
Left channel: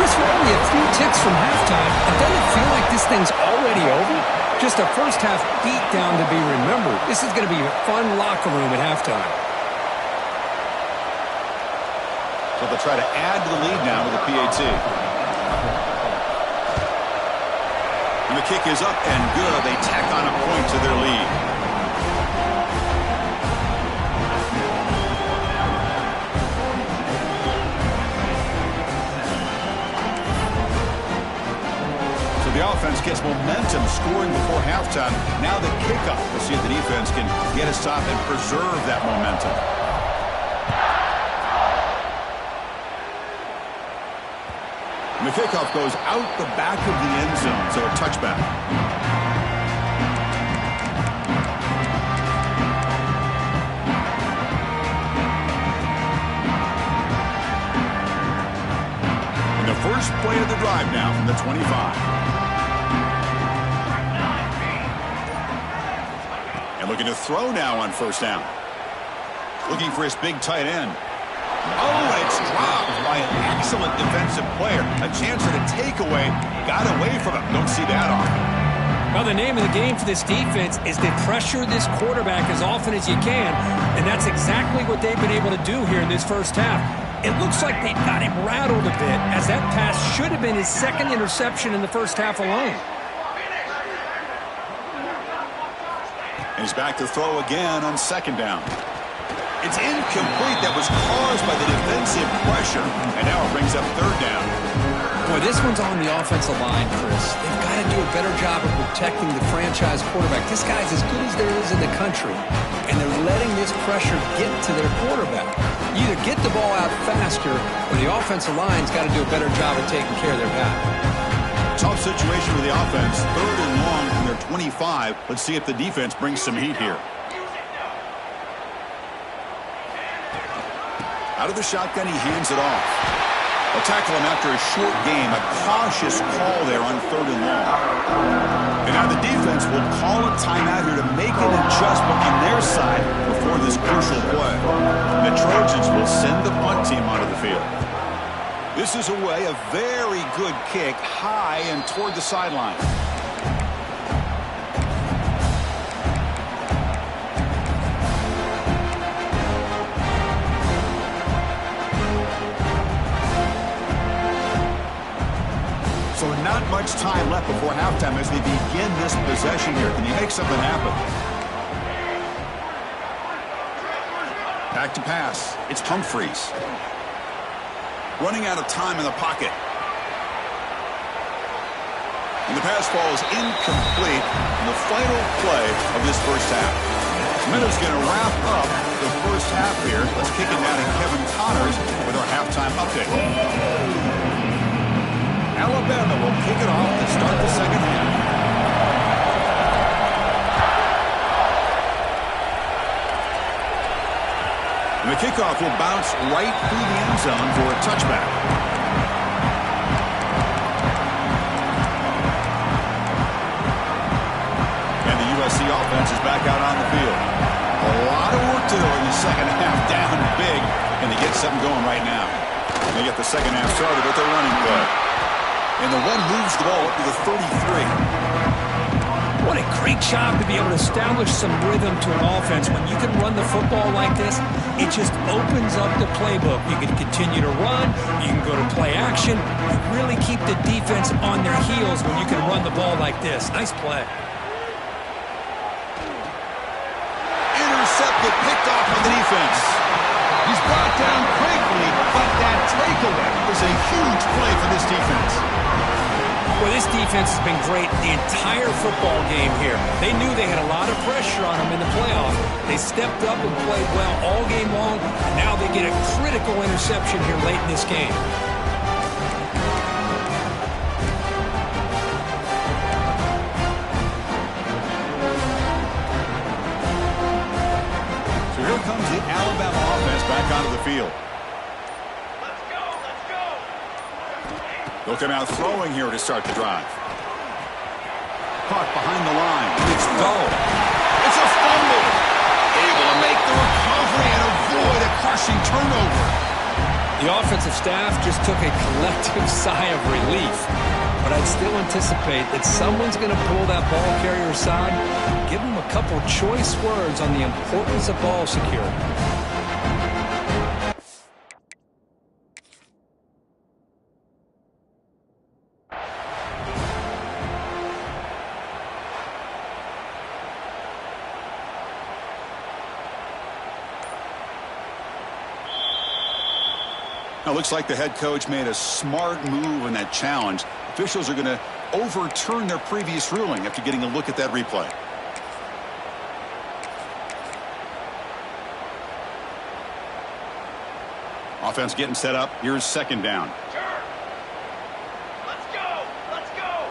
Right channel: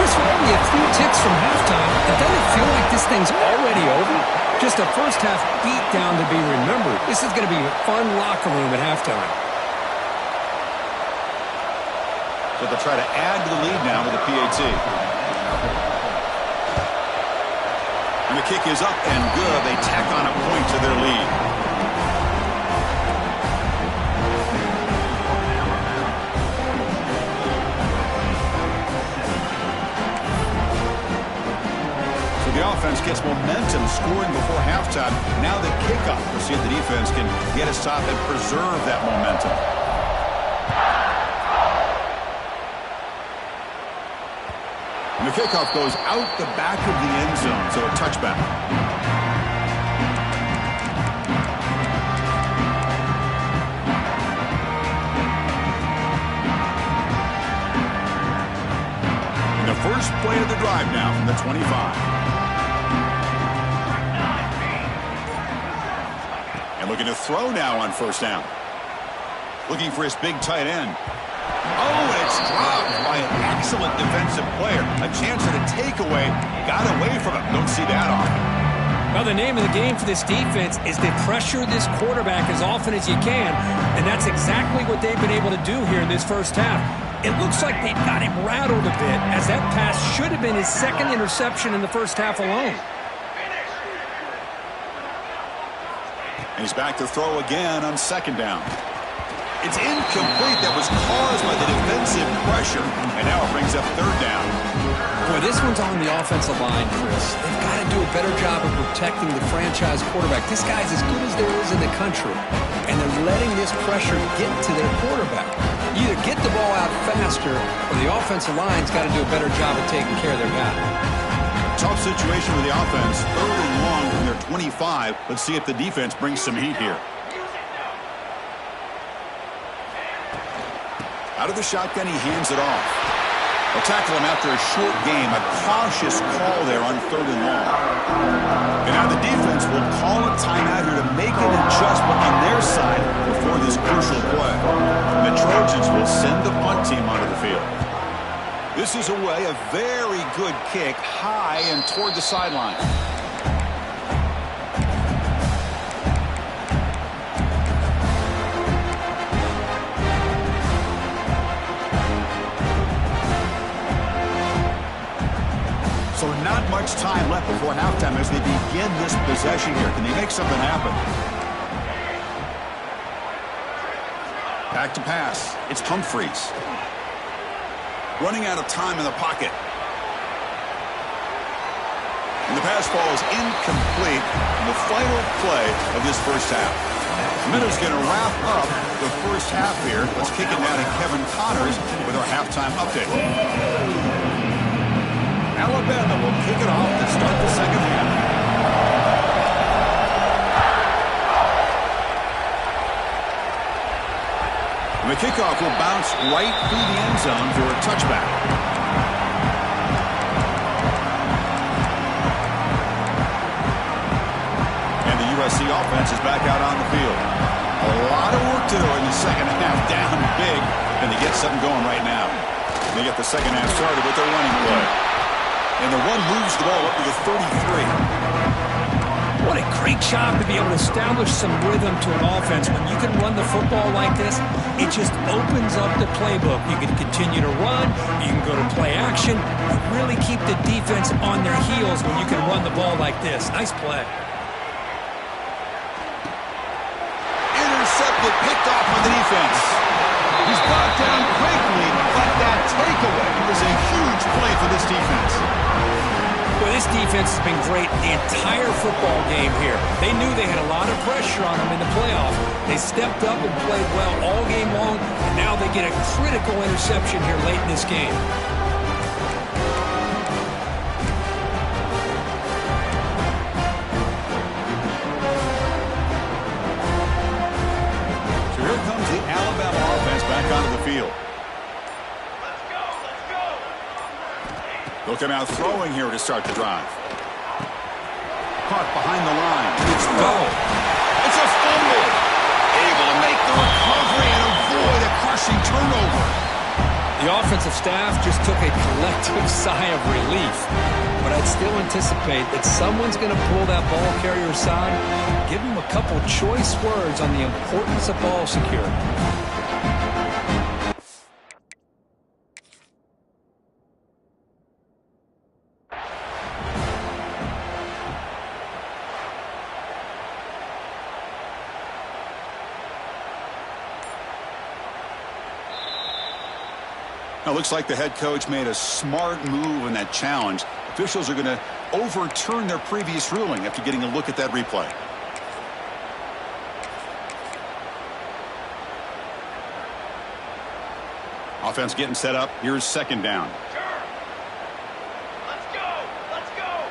Chris, we're only a few ticks from halftime, and doesn't it feel like this thing's already over? Just a first-half beatdown to be remembered. This is going to be a fun locker room at halftime. So they'll try to add to the lead now with a PAT. And the kick is up and good. They tack on a point to their lead. So the offense gets momentum scoring before halftime. Now the kickoff. We'll see if the defense can get a stop and preserve that momentum. And the kickoff goes out the back of the end zone, so a touchback. And the first play of the drive now from the 25. And looking to throw now on first down. Looking for his big tight end. Oh, and it's dropped by an excellent defensive player. A chance at a takeaway. Got away from him. Don't see that often. Well, the name of the game for this defense is to pressure this quarterback as often as you can, and that's exactly what they've been able to do here in this first half. It looks like they've got him rattled a bit, as that pass should have been his 2nd interception in the first half alone. And he's back to throw again on 2nd down. It's incomplete. That was caused by the defensive pressure. And now it brings up 3rd down. Boy, this one's on the offensive line, Chris. They've got to do a better job of protecting the franchise quarterback. This guy's as good as there is in the country. And they're letting this pressure get to their quarterback. You either get the ball out faster, or the offensive line's got to do a better job of taking care of their guy. Tough situation for the offense. 3rd and long from their 25. Let's see if the defense brings some heat here. Out of the shotgun, he hands it off. They'll tackle him after a short game. A cautious call there on 3rd and long. And now the defense will call a timeout here to make an adjustment on their side before this crucial play. And the Trojans will send the punt team onto the field. This is away, a very good kick, high and toward the sideline. So not much time left before halftime as they begin this possession here. Can they make something happen? Back to pass. It's Humphreys. Running out of time in the pocket. And the pass ball is incomplete in the final play of this first half. Minnows going to wrap up the first half here. Let's kick it now to Kevin Connors with our halftime update. Alabama will kick it off to start the second half. And the kickoff will bounce right through the end zone for a touchback. And the USC offense is back out on the field. A lot of work to do in the second half. Down big, and they get something going right now. They get the second half started with their running play. And the run moves the ball up to the 33. What a great job to be able to establish some rhythm to an offense. When you can run the football like this, it just opens up the playbook. You can continue to run. You can go to play action. You really keep the defense on their heels when you can run the ball like this. Nice play. Intercepted, picked off by the defense. He's brought down quickly, but that takeaway was a huge play for this defense. Well, this defense has been great the entire football game here. They knew they had a lot of pressure on them in the playoff. They stepped up and played well all game long, and now they get a critical interception here late in this game. So here comes the Alabama offense back onto the field. They'll come out throwing here to start the drive. Caught behind the line. It's Bell. It's a fumble. Able to make the recovery and avoid a crushing turnover. The offensive staff just took a collective sigh of relief. But I'd still anticipate that someone's going to pull that ball carrier aside, give him a couple choice words on the importance of ball security. Now, looks like the head coach made a smart move in that challenge. Officials are going to overturn their previous ruling after getting a look at that replay. Offense getting set up. Here's second down. Sure. Let's go. Let's go.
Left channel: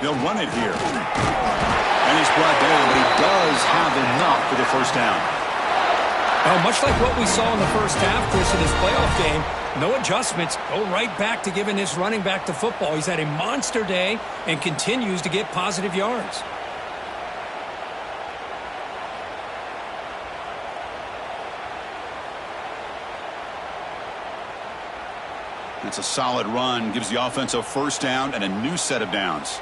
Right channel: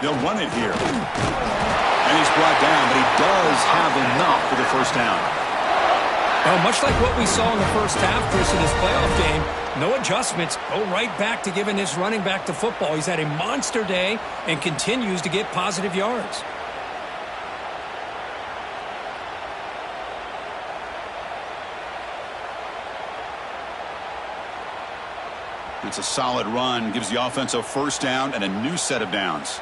They'll run it here. And he's brought down, but he does have enough for the first down. Well, much like what we saw in the first half, Chris, in this playoff game, no adjustments. Go right back to giving this running back the football. He's had a monster day and continues to get positive yards. It's a solid run. Gives the offense a first down and a new set of downs.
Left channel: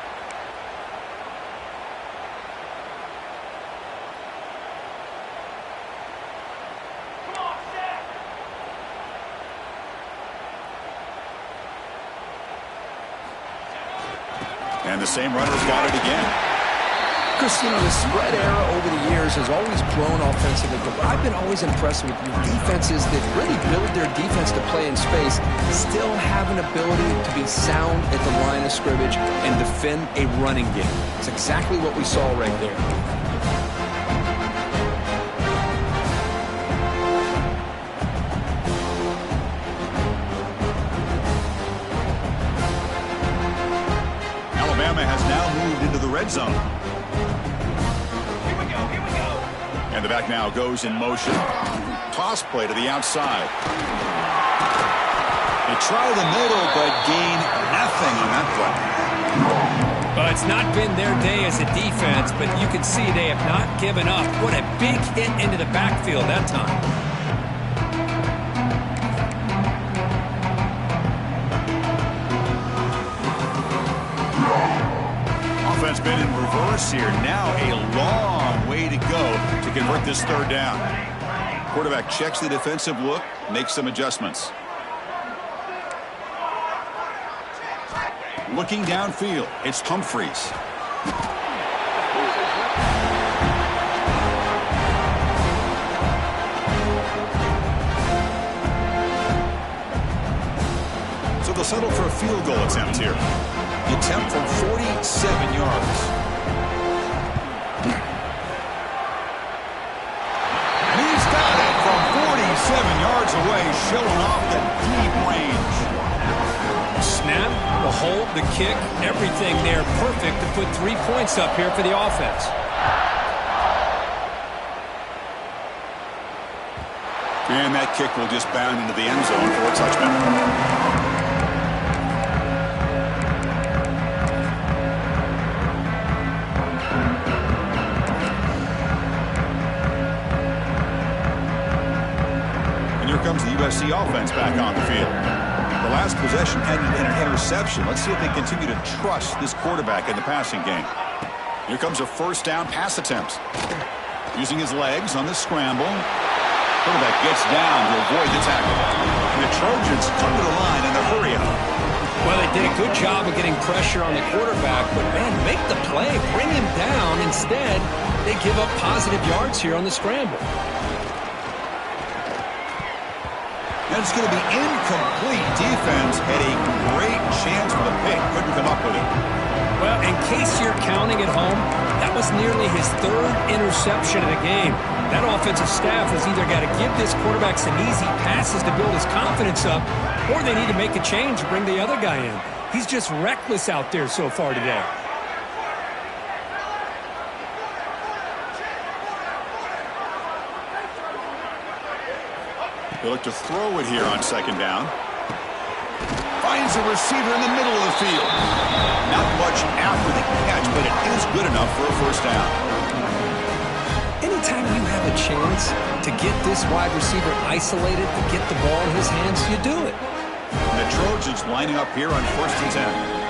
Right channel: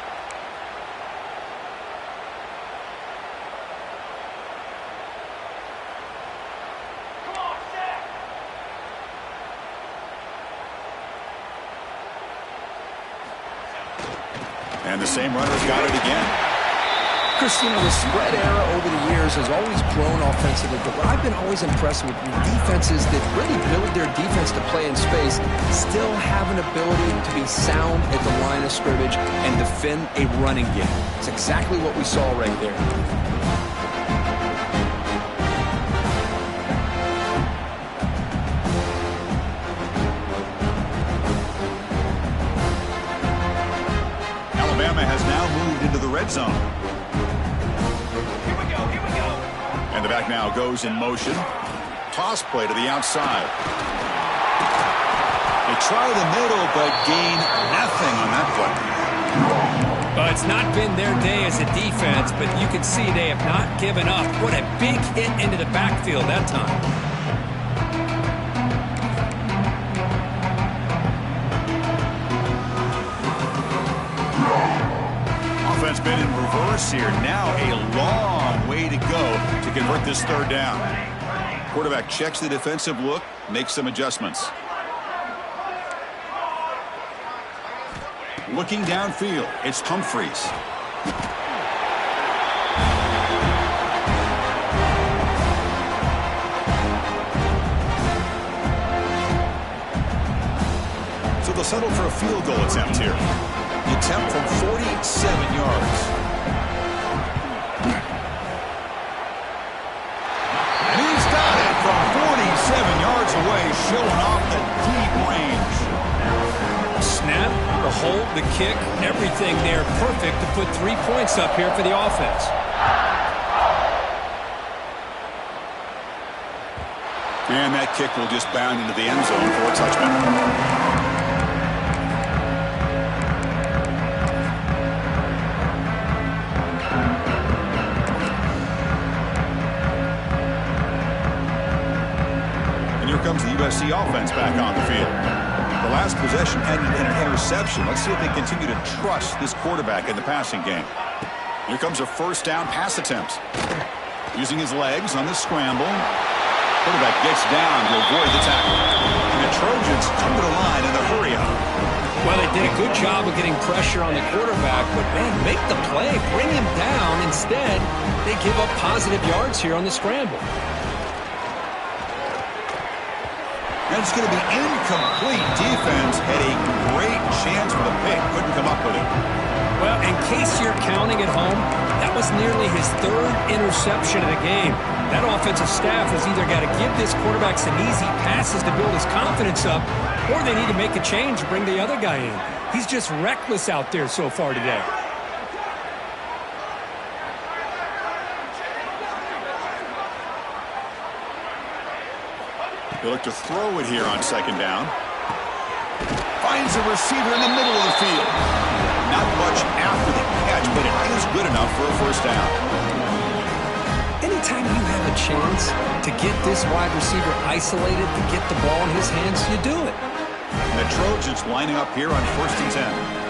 And the same runner's got it again. Chris, you know, the spread era over the years has always grown offensively, but what I've been always impressed with defenses that really build their defense to play in space still have an ability to be sound at the line of scrimmage and defend a running game. It's exactly what we saw right there. Alabama has now moved into the red zone. Here we go. Here we go. And the back now goes in motion. Toss play to the outside. They try the middle, but gain nothing on that play. Well, it's not been their day as a defense, but you can see they have not given up. What a big hit into the backfield that time. Offense been in reverse here. Now a long way to go to convert this third down. Quarterback checks the defensive look, makes some adjustments. Looking downfield, it's Humphreys. So they'll settle for a field goal attempt here. The attempt from 47 yards. And he's got it from 47 yards away, showing off the deep range. Snap, the hold, the kick, everything there perfect to put 3 points up here for the offense. And that kick will just bound into the end zone for a touchback. Comes the USC offense back on the field. The last possession ended in an interception. Let's see if they continue to trust this quarterback in the passing game. Here comes a first down pass attempt. Using his legs on the scramble. Quarterback gets down to avoid the tackle. And the Trojans come to the line in the hurry-up. Well, they did a good job of getting pressure on the quarterback, but, man, make the play. Bring him down. Instead, they give up positive yards here on the scramble. And it's going to be incomplete. Defense had a great chance for the pick. Couldn't come up with it. Well, in case you're counting at home, that was nearly his third interception of the game. That offensive staff has either got to give this quarterback some easy passes to build his confidence up, or they need to make a change and bring the other guy in. He's just reckless out there so far today. He'll look to throw it here on second down. Finds a receiver in the middle of the field. Not much after the catch, but it is good enough for a first down. Anytime you have a chance to get this wide receiver isolated, to get the ball in his hands, you do it. And the Trojans lining up here on 1st and 10.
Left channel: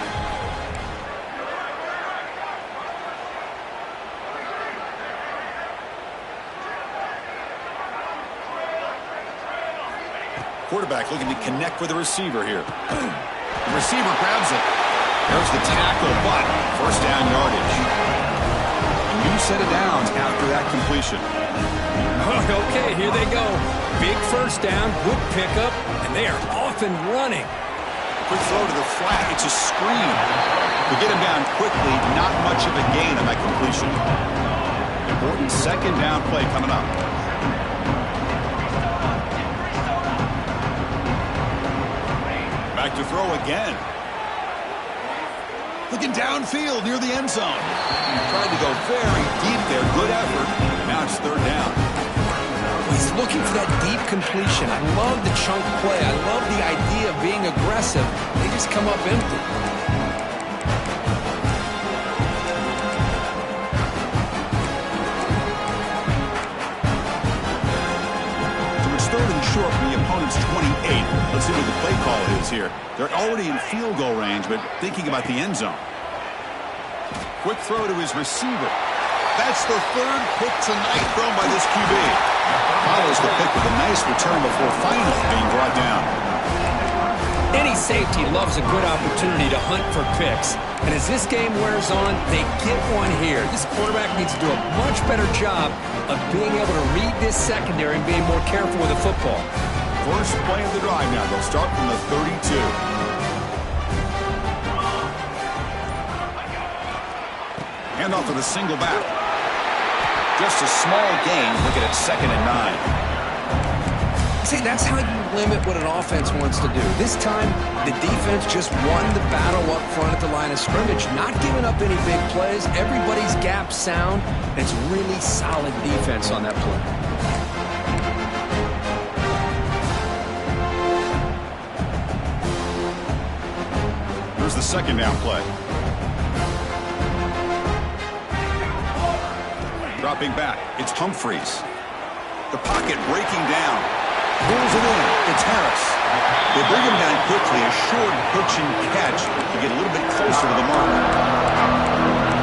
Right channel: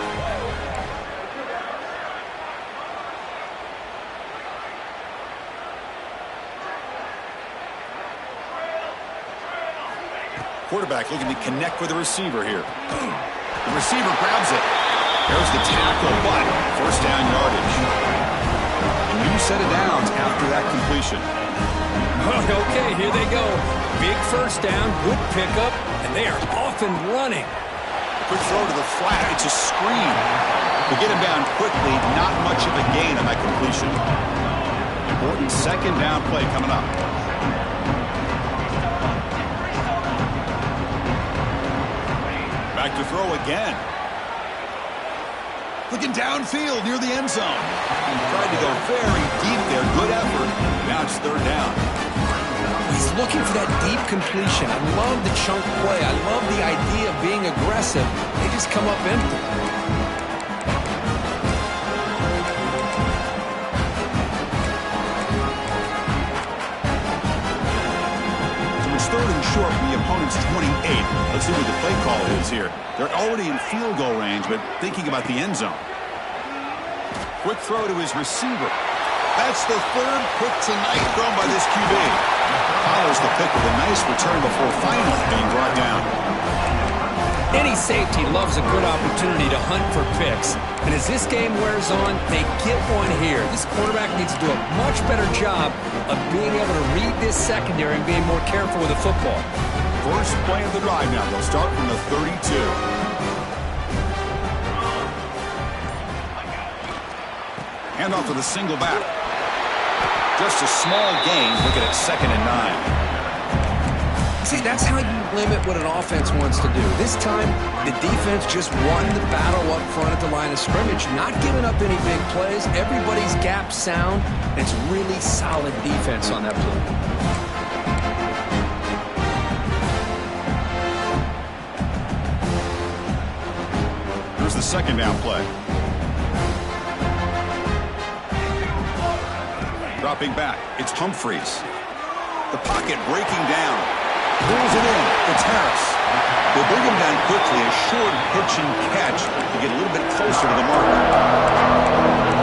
Quarterback looking to connect with the receiver here. The receiver grabs it. There's the tackle, but first down yardage. A new set of downs after that completion. Okay, here they go. Big first down, good pickup, and they are off and running. Quick throw to the flat. It's a screen. To get him down quickly, not much of a gain on that completion. Important second down play coming up. Back to throw again. Looking downfield near the end zone. Tried to go very deep there. Good effort. Now it's third down. He's looking for that deep completion. I love the chunk play. I love the idea of being aggressive. They just come up empty. Third and short from the opponent's 28. Let's see what the play call is here. They're already in field goal range, but thinking about the end zone. Quick throw to his receiver. That's the third pick tonight thrown by this QB. Follows the pick with a nice return before finally being brought down. Any safety loves a good opportunity to hunt for picks. And as this game wears on, they get one here. This quarterback needs to do a much better job of being able to read this secondary and being more careful with the football. First play of the drive now. They'll start from the 32. Hand off to the single back. Just a small gain. Looking at 2nd and 9. See, that's how you limit what an offense wants to do. This time, the defense just won the battle up front at the line of scrimmage, not giving up any big plays. Everybody's gap sound. It's really solid defense on that play. Here's the second down play. Dropping back, it's Humphreys. The pocket breaking down. Pulls it in. It's Harris. They bring him down quickly. A short pitch and catch to get a little bit closer to the mark.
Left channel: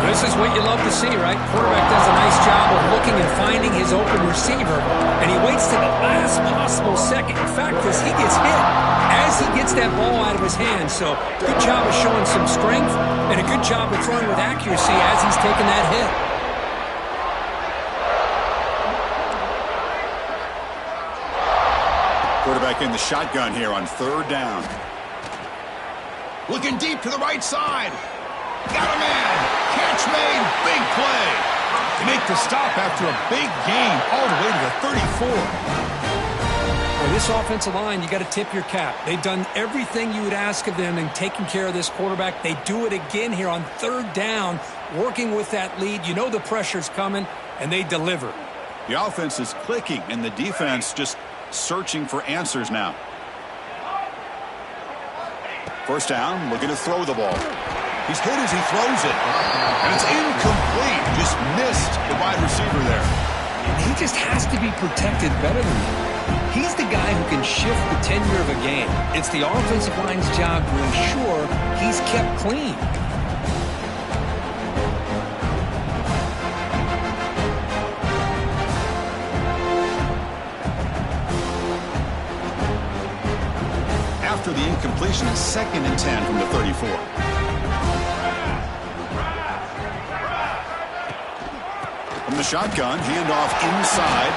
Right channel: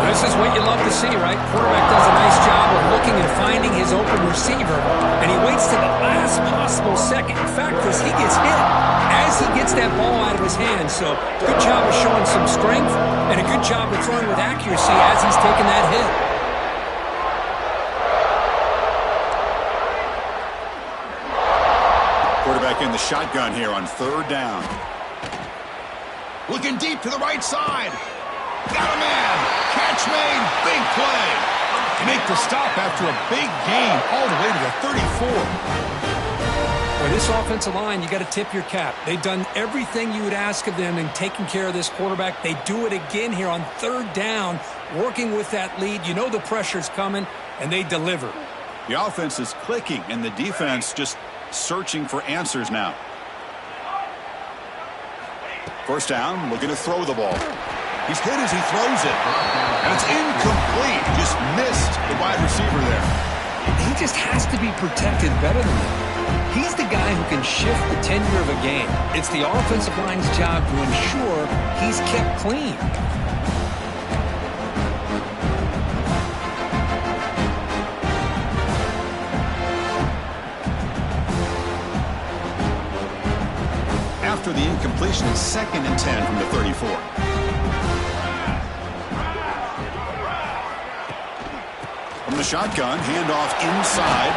This is what you love to see, right? Quarterback does a nice job of looking and finding his open receiver, and he waits to the last possible second. In fact, as he gets hit, as he gets that ball out of his hands. So good job of showing some strength and a good job of throwing with accuracy as he's taking that hit. Quarterback in the shotgun here on third down. Looking deep to the right side. Got a man. Catch made. Big play. They make the stop after a big gain all the way to the 34. Boy, this offensive line, you got to tip your cap. They've done everything you would ask of them in taking care of this quarterback. They do it again here on third down, working with that lead. You know the pressure's coming, and they deliver. The offense is clicking, and the defense just searching for answers now. First down, looking to throw the ball. He's hit as he throws it. And it's incomplete. Just missed the wide receiver there. He just has to be protected better than that. He's the guy who can shift the tenure of a game. It's the offensive line's job to ensure he's kept clean. After the incompletion, it's 2nd and 10 from the 34. From the shotgun, handoff inside.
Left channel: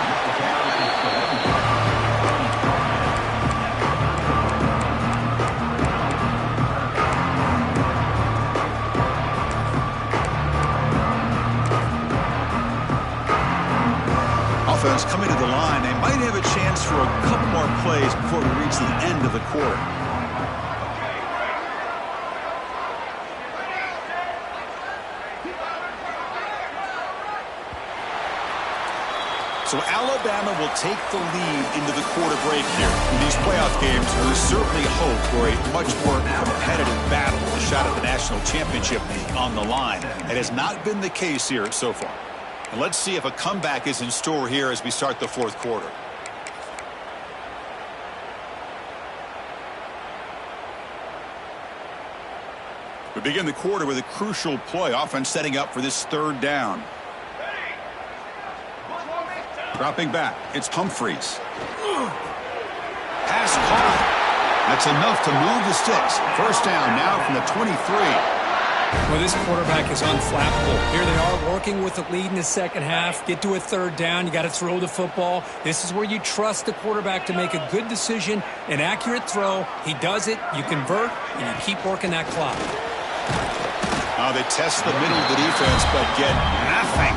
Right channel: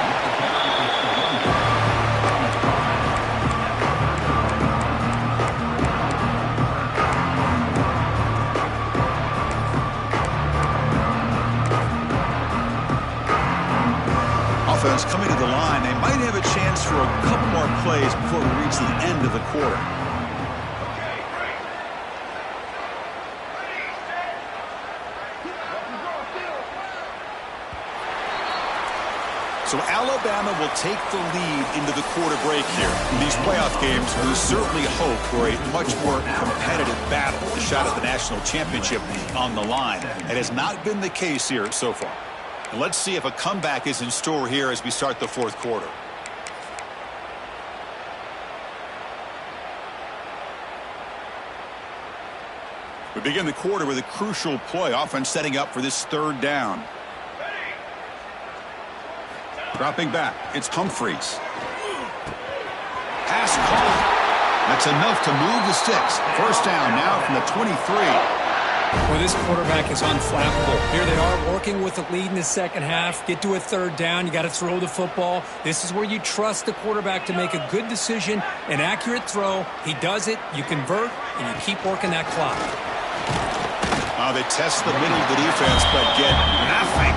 Offense coming to the line. They might have a chance for a couple more plays before we reach the end of the quarter. So Alabama will take the lead into the quarter break here. In these playoff games, there's certainly hope for a much more competitive battle. A shot at the national championship on the line. It has not been the case here so far. And let's see if a comeback is in store here as we start the fourth quarter. We begin the quarter with a crucial play. Offense setting up for this 3rd down. Dropping back, it's Humphreys. Pass caught. That's enough to move the sticks. 1st down now from the 23. Well, this quarterback is unflappable. Here they are working with the lead in the 2nd half. Get to a 3rd down. You got to throw the football. This is where you trust the quarterback to make a good decision, an accurate throw. He does it. You convert, and you keep working that clock. They test the middle of the defense, but get nothing.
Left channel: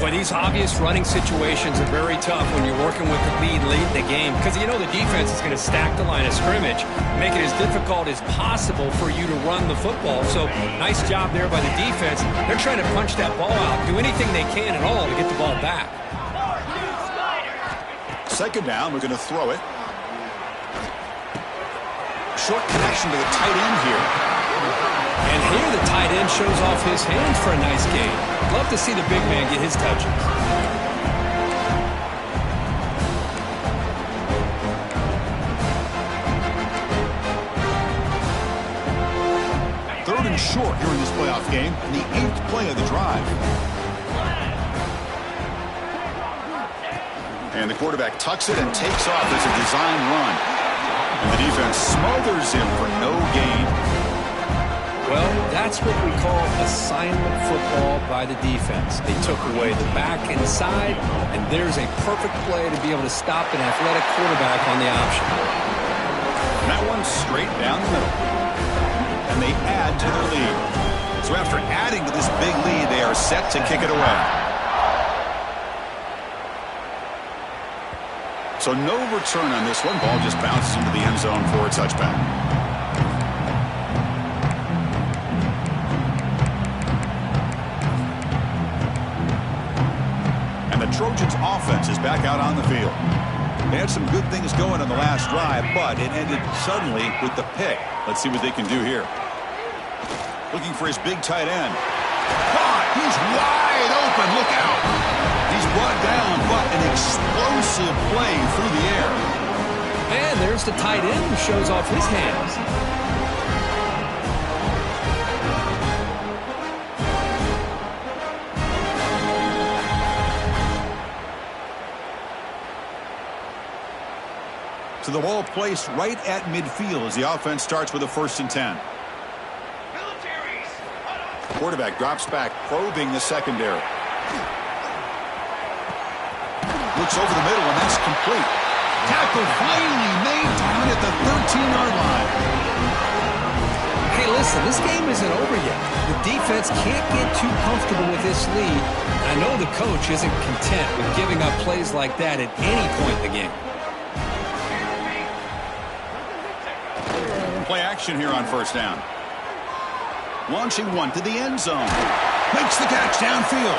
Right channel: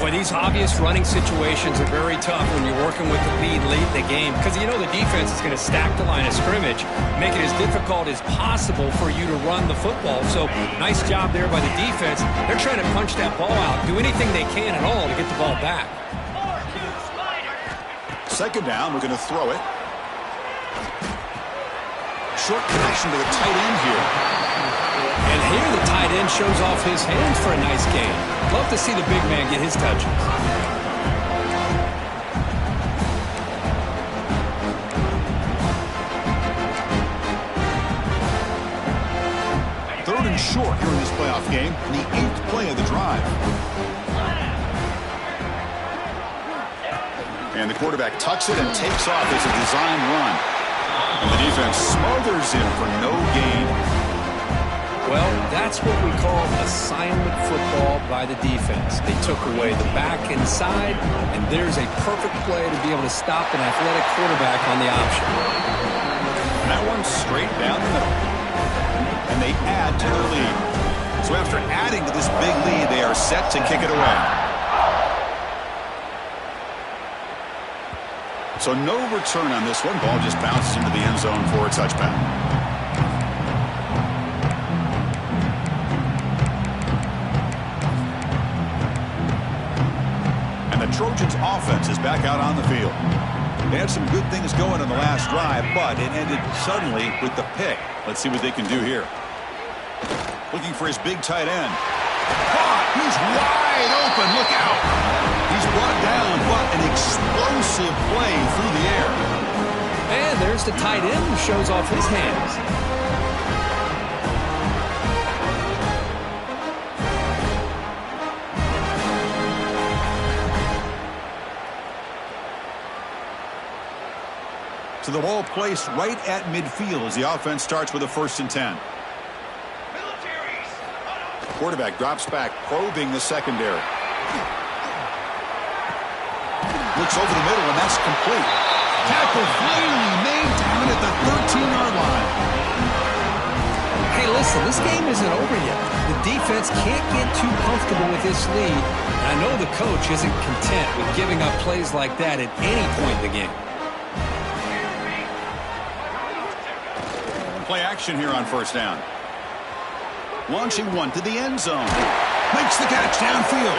Boy, these obvious running situations are very tough when you're working with the lead late in the game because you know the defense is going to stack the line of scrimmage, make it as difficult as possible for you to run the football. So nice job there by the defense. They're trying to punch that ball out, do anything they can at all to get the ball back. 2nd down, we're going to throw it. Short connection to the tight end here. And here the tight end shows off his hands for a nice gain. Love to see the big man get his touches. 3rd and short here in this playoff game, and the 8th play of the drive. And the quarterback tucks it and takes off as a design run. And the defense smothers him for no gain. Well, that's what we call assignment football by the defense. They took away the back inside, and there's a perfect play to be able to stop an athletic quarterback on the option. And that one's straight down the middle. And they add to their lead. So after adding to this big lead, they are set to kick it away. So no return on this one. Ball just bounces into the end zone for a touchback. And the Trojans' offense is back out on the field. They had some good things going on the last drive, but it ended suddenly with the pick. Let's see what they can do here. Looking for his big tight end. Caught! He's wide open. Look out! He's brought down, but an explosive play through the air. And there's the tight end who shows off his hands. So the ball placed right at midfield as the offense starts with a 1st and 10. Quarterback drops back, probing the secondary. Looks over the middle, and that's complete. Tackle finally made down at the 13-yard line. Hey, listen, this game isn't over yet. The defense can't get too comfortable with this lead. And I know the coach isn't content with giving up plays like that at any point in the game. Play action here on 1st down. Launching one to the end zone. Makes the catch downfield.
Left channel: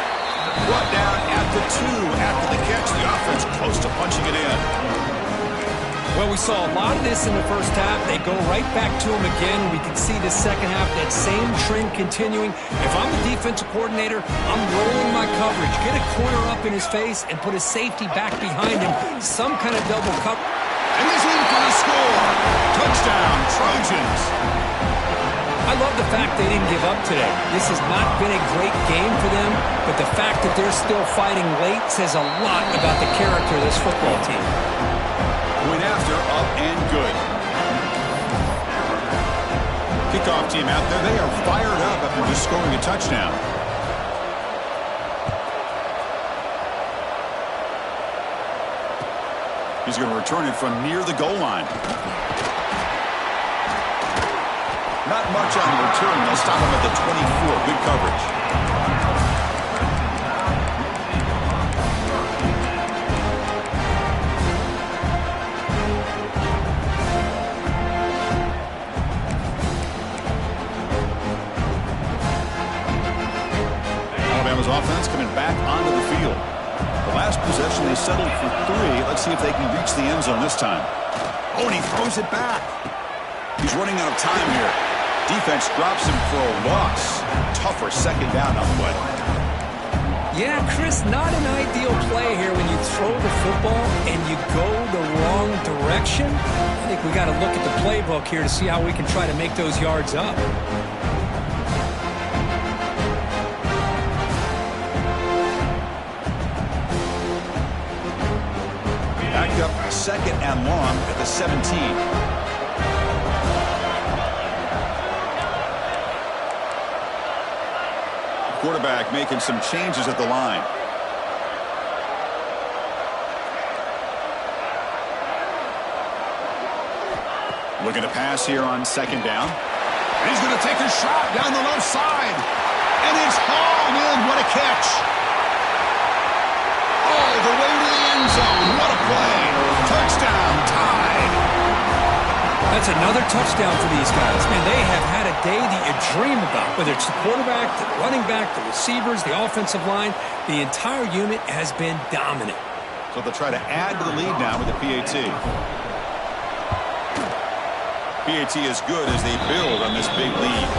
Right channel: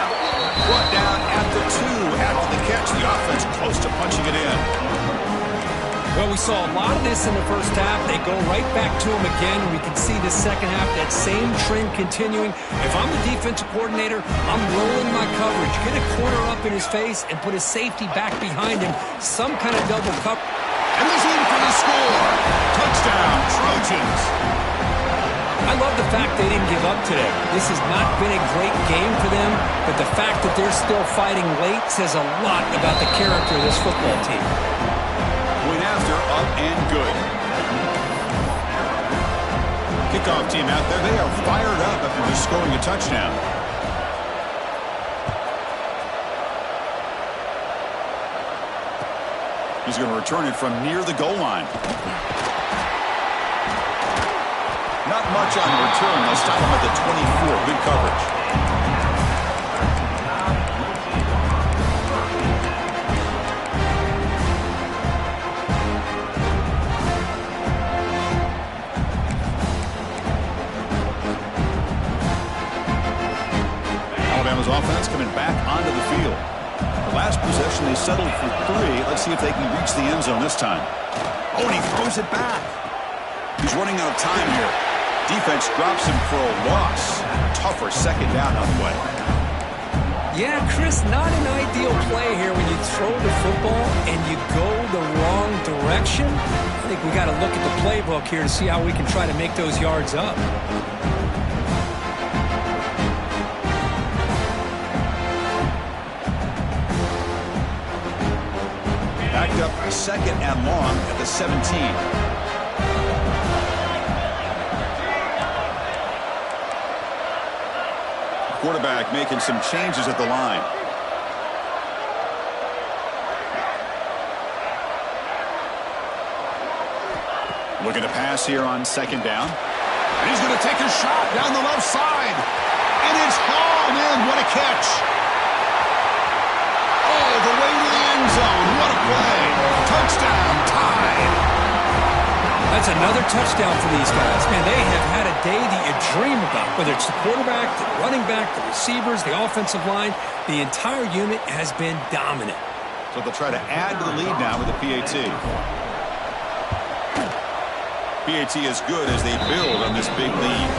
Brought down at the 2 after the catch. The offense close to punching it in. Well, we saw a lot of this in the first half. They go right back to him again, and we can see the second half, that same trend continuing. If I'm the defensive coordinator, I'm rolling my coverage. Get a corner up in his face and put a safety back behind him. Some kind of double cover. And he's in for the score. Touchdown, Trojans. I love the fact they didn't give up today. This has not been a great game for them, but the fact that they're still fighting late says a lot about the character of this football team. Point after, up and good. Kickoff team out there, they are fired up after just scoring a touchdown. He's going to return it from near the goal line. Not much on return. They'll stop him at the 24. Good coverage. Alabama's offense coming back onto the field. The last possession, they settled for 3. Let's see if they can reach the end zone this time. Oh, and he throws it back. He's running out of time here. Defense drops him for a loss. Tougher second down on the way. Yeah, Chris, not an ideal play here when you throw the football and you go the wrong direction. I think we got to look at the playbook here to see how we can try to make those yards up. Backed up second and long at the 17. Quarterback making some changes at the line. Looking to pass here on second down. And he's going to take a shot down the left side. And it's hauled in. What a catch. All the way to the end zone. What a play. Touchdown. Tied. That's another touchdown for these guys. Man, they have had a day that you dream about. Whether it's the quarterback, the running back, the receivers, the offensive line, the entire unit has been dominant. So they'll try to add to the lead now with the PAT. PAT is good as they build on this big lead.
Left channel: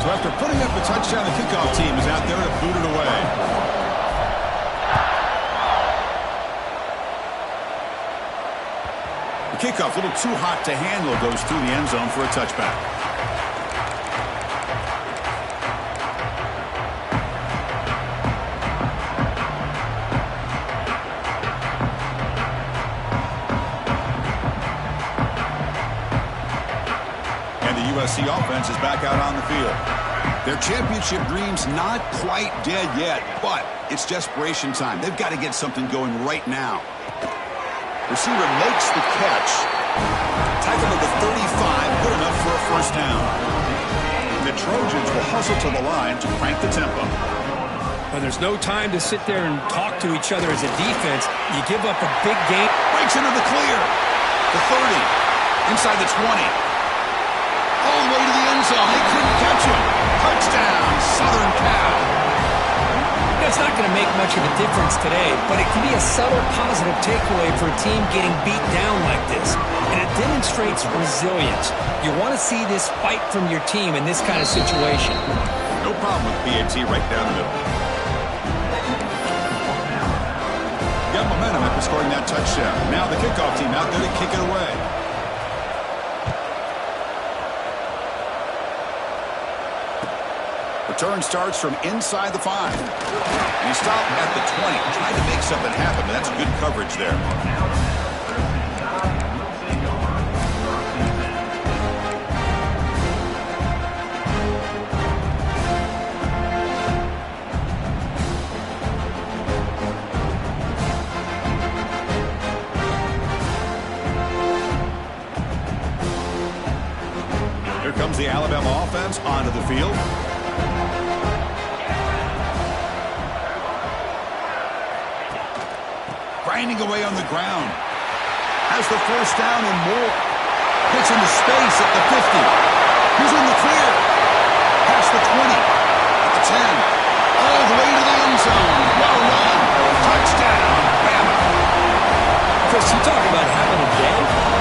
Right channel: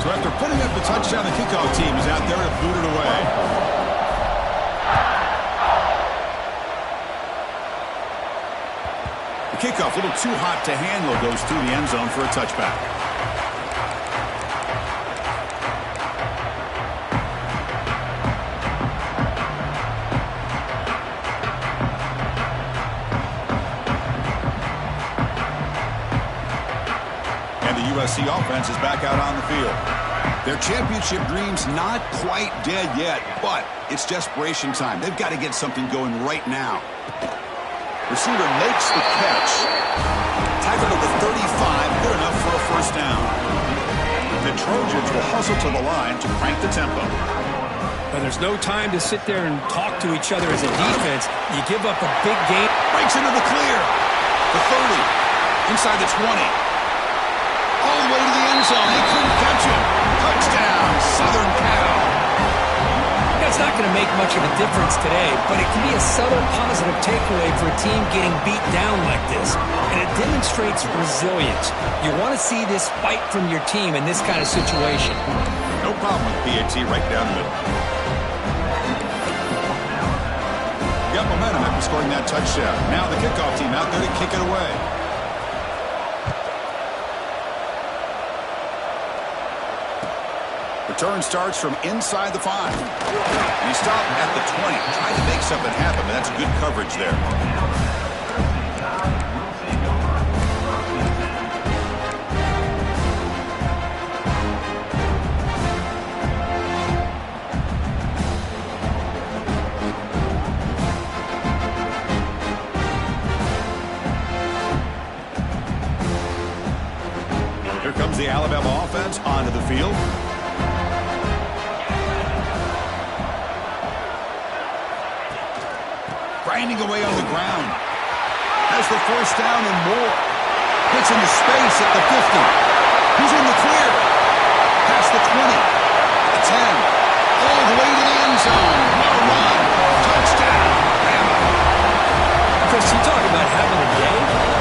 So after putting up a touchdown, the kickoff team is out there to boot it away. The kickoff, a little too hot to handle, goes through the end zone for a touchback. And the USC offense is back out on the field. Their championship dreams not quite dead yet, but it's desperation time. They've got to get something going right now. Receiver makes the catch. Tackled at the 35, good enough for a first down. The Trojans will hustle to the line to crank the tempo. But there's no time to sit there and talk to each other as a defense. You give up a big game. Breaks into the clear. The 30. Inside the 20. All the way to the end zone. They couldn't catch him. Touchdown, Southern Cal. It's not going to make much of a difference today, but it can be a subtle positive takeaway for a team getting beat down like this. And it demonstrates resilience. You want to see this fight from your team in this kind of situation. No problem with PAT right down the middle. Got momentum after scoring that touchdown. Now the kickoff team out there to kick it away. Return starts from inside the 5. And he stopped at the 20. Tried to make something happen, but that's good coverage there. Here comes the Alabama offense onto the field. Grinding away on the ground. Has the first down and more. Gets into space at the 50. He's in the clear. Past the 20. At the 10. All the way to the end zone. What a run. Chris, you talk about having a day.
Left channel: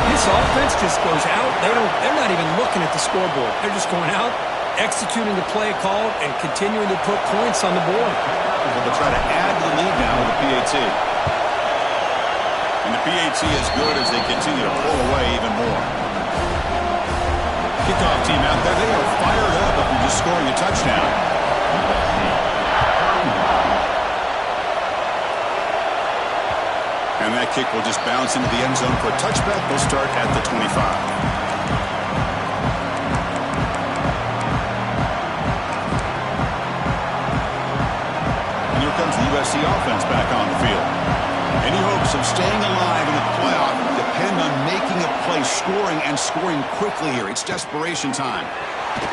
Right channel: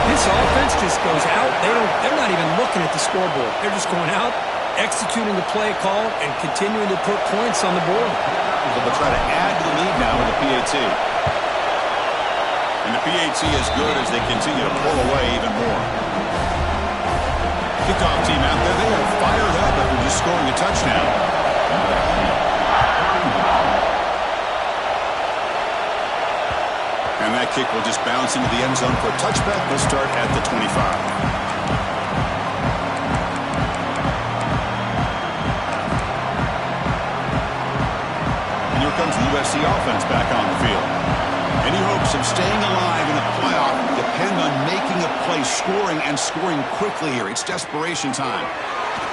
This offense just goes out. They're not even looking at the scoreboard. They're just going out, executing the play called, and continuing to put points on the board. So they'll try to add to the lead now with the PAT. And the PAT is good as they continue to pull away even more. Kickoff team out there, they are fired up after just scoring a touchdown. And that kick will just bounce into the end zone for a touchback. They'll start at the 25. And here comes the USC offense back on the field. Any hopes of staying alive in the playoff depend on making a play, scoring, and scoring quickly here. It's desperation time.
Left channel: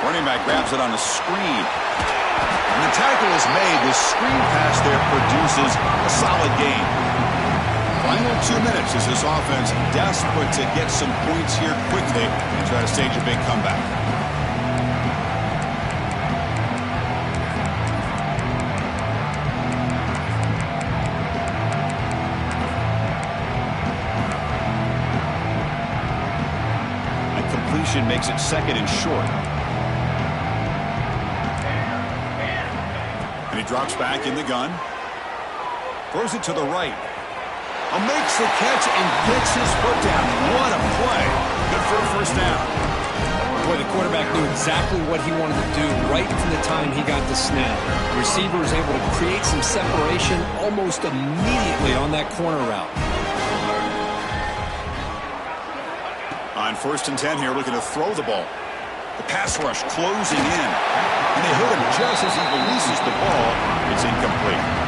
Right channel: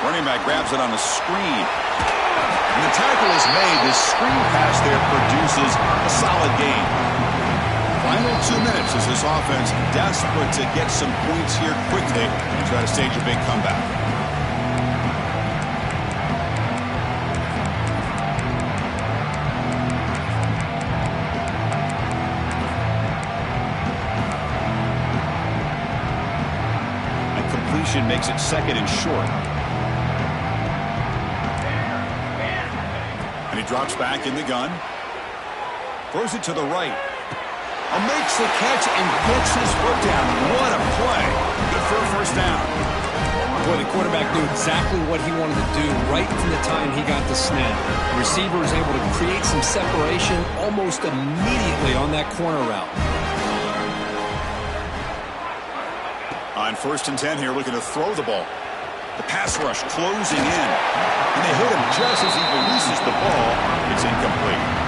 Running back grabs it on a screen. And the tackle is made. This screen pass there produces a solid gain. Final 2 minutes as this offense desperate to get some points here quickly and try to stage a big comeback. A completion makes it second and short. And he drops back in the gun. Throws it to the right. Makes the catch and gets his foot down. What a play. Good for a first down. Boy, the quarterback knew exactly what he wanted to do right from the time he got the snap. The receiver was able to create some separation almost immediately on that corner route. On 1st and 10 here, looking to throw the ball. The pass rush closing in. And they hit him just as he releases the ball. It's incomplete.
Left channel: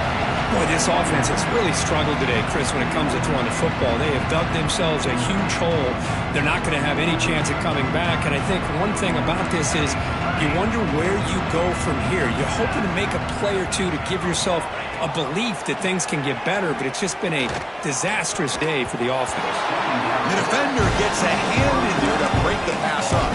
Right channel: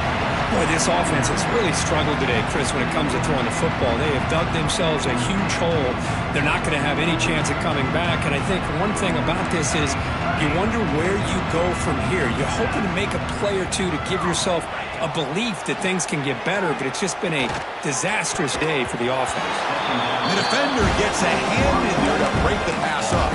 Boy, this offense has really struggled today, Chris, when it comes to throwing the football. They have dug themselves a huge hole. They're not going to have any chance of coming back. And I think one thing about this is you wonder where you go from here. You're hoping to make a play or two to give yourself a belief that things can get better, but it's just been a disastrous day for the offense. The defender gets a hand in there to break the pass up.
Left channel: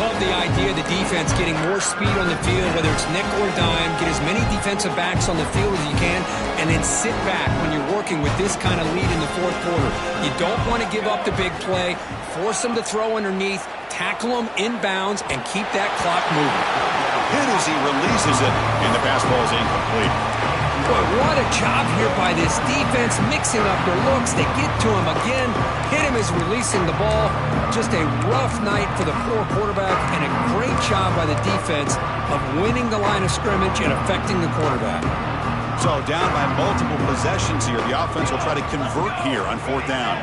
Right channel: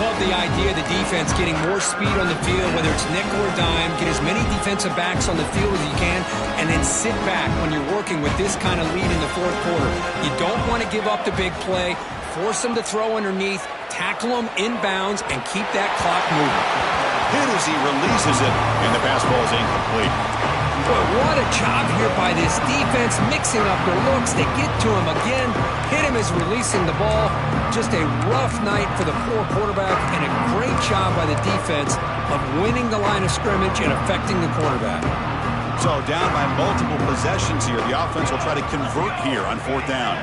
Love the idea of the defense getting more speed on the field, whether it's nickel or dime, get as many defensive backs on the field as you can, and then sit back when you're working with this kind of lead in the fourth quarter. You don't want to give up the big play, force them to throw underneath, tackle them inbounds, and keep that clock moving. Hit as he releases it, and the pass ball is incomplete. Boy, what a job here by this defense, mixing up their looks. They get to him again, hit him as releasing the ball. Just a rough night for the poor quarterback, and a great job by the defense of winning the line of scrimmage and affecting the quarterback. So down by multiple possessions here. The offense will try to convert here on 4th down.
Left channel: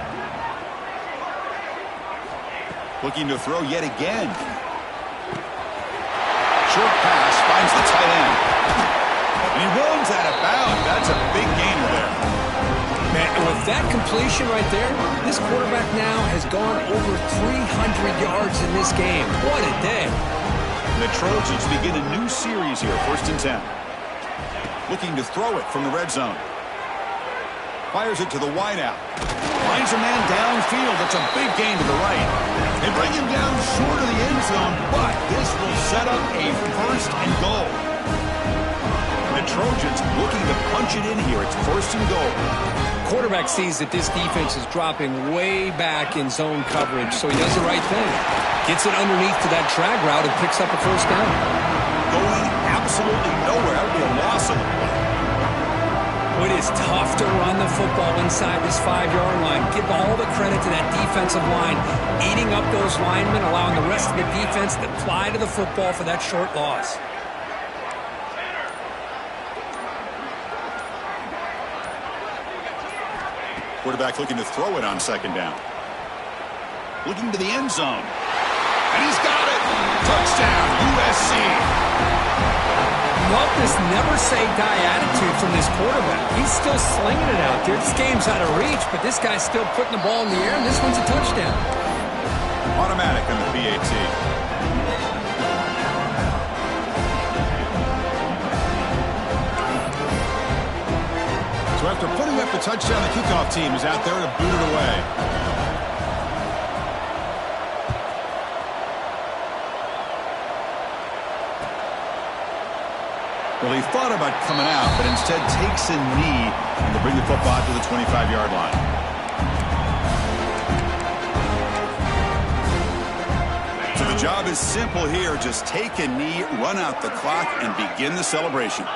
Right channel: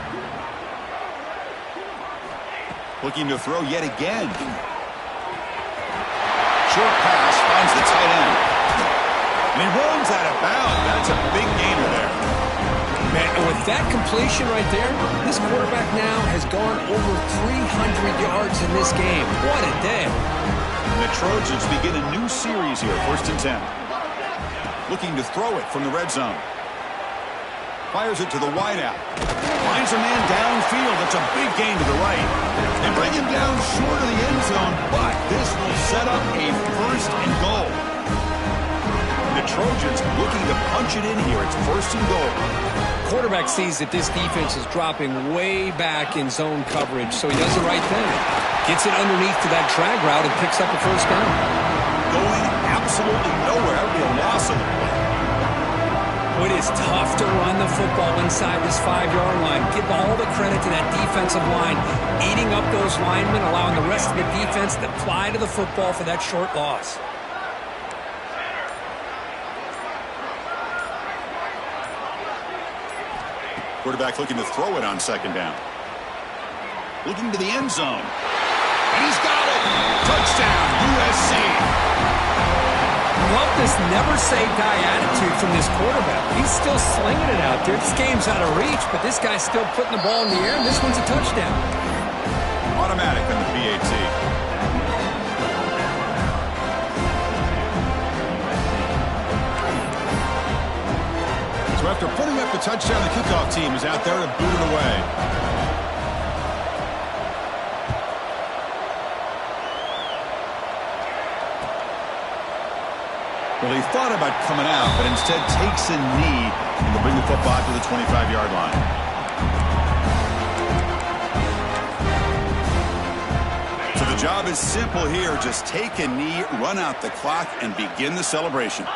Looking to throw yet again. Short pass finds the tight end. And he runs out of bounds. That's a big gainer there. Man, and with that completion right there, this quarterback now has gone over 300 yards in this game. What a day. And the Trojans begin a new series here, 1st and 10. Looking to throw it from the red zone. Fires it to the wideout. Finds a man downfield. That's a big gain to the right. They bring him down short of the end zone, but this will set up a 1st and goal. The Trojans looking to punch it in here. It's 1st and goal. Quarterback sees that this defense is dropping way back in zone coverage, so he does the right thing. Gets it underneath to that drag route and picks up a 1st down. Going absolutely nowhere. That would be a loss of the play. It is tough to run the football inside this 5-yard line. Give all the credit to that defensive line, eating up those linemen, allowing the rest of the defense to fly to the football for that short loss. Quarterback looking to throw it on 2nd down. Looking to the end zone. And he's got it. Touchdown, USC. Love this never-say-die attitude from this quarterback. He's still slinging it out there. This game's out of reach, but this guy's still putting the ball in the air, and this one's a touchdown. Automatic on the PAT. So after putting up the touchdown, the kickoff team is out there to boot it away. Well, he thought about coming out, but instead takes a knee and to bring the football out to the 25-yard line. Job is simple here. Just take a knee, run out the clock, and begin the celebration.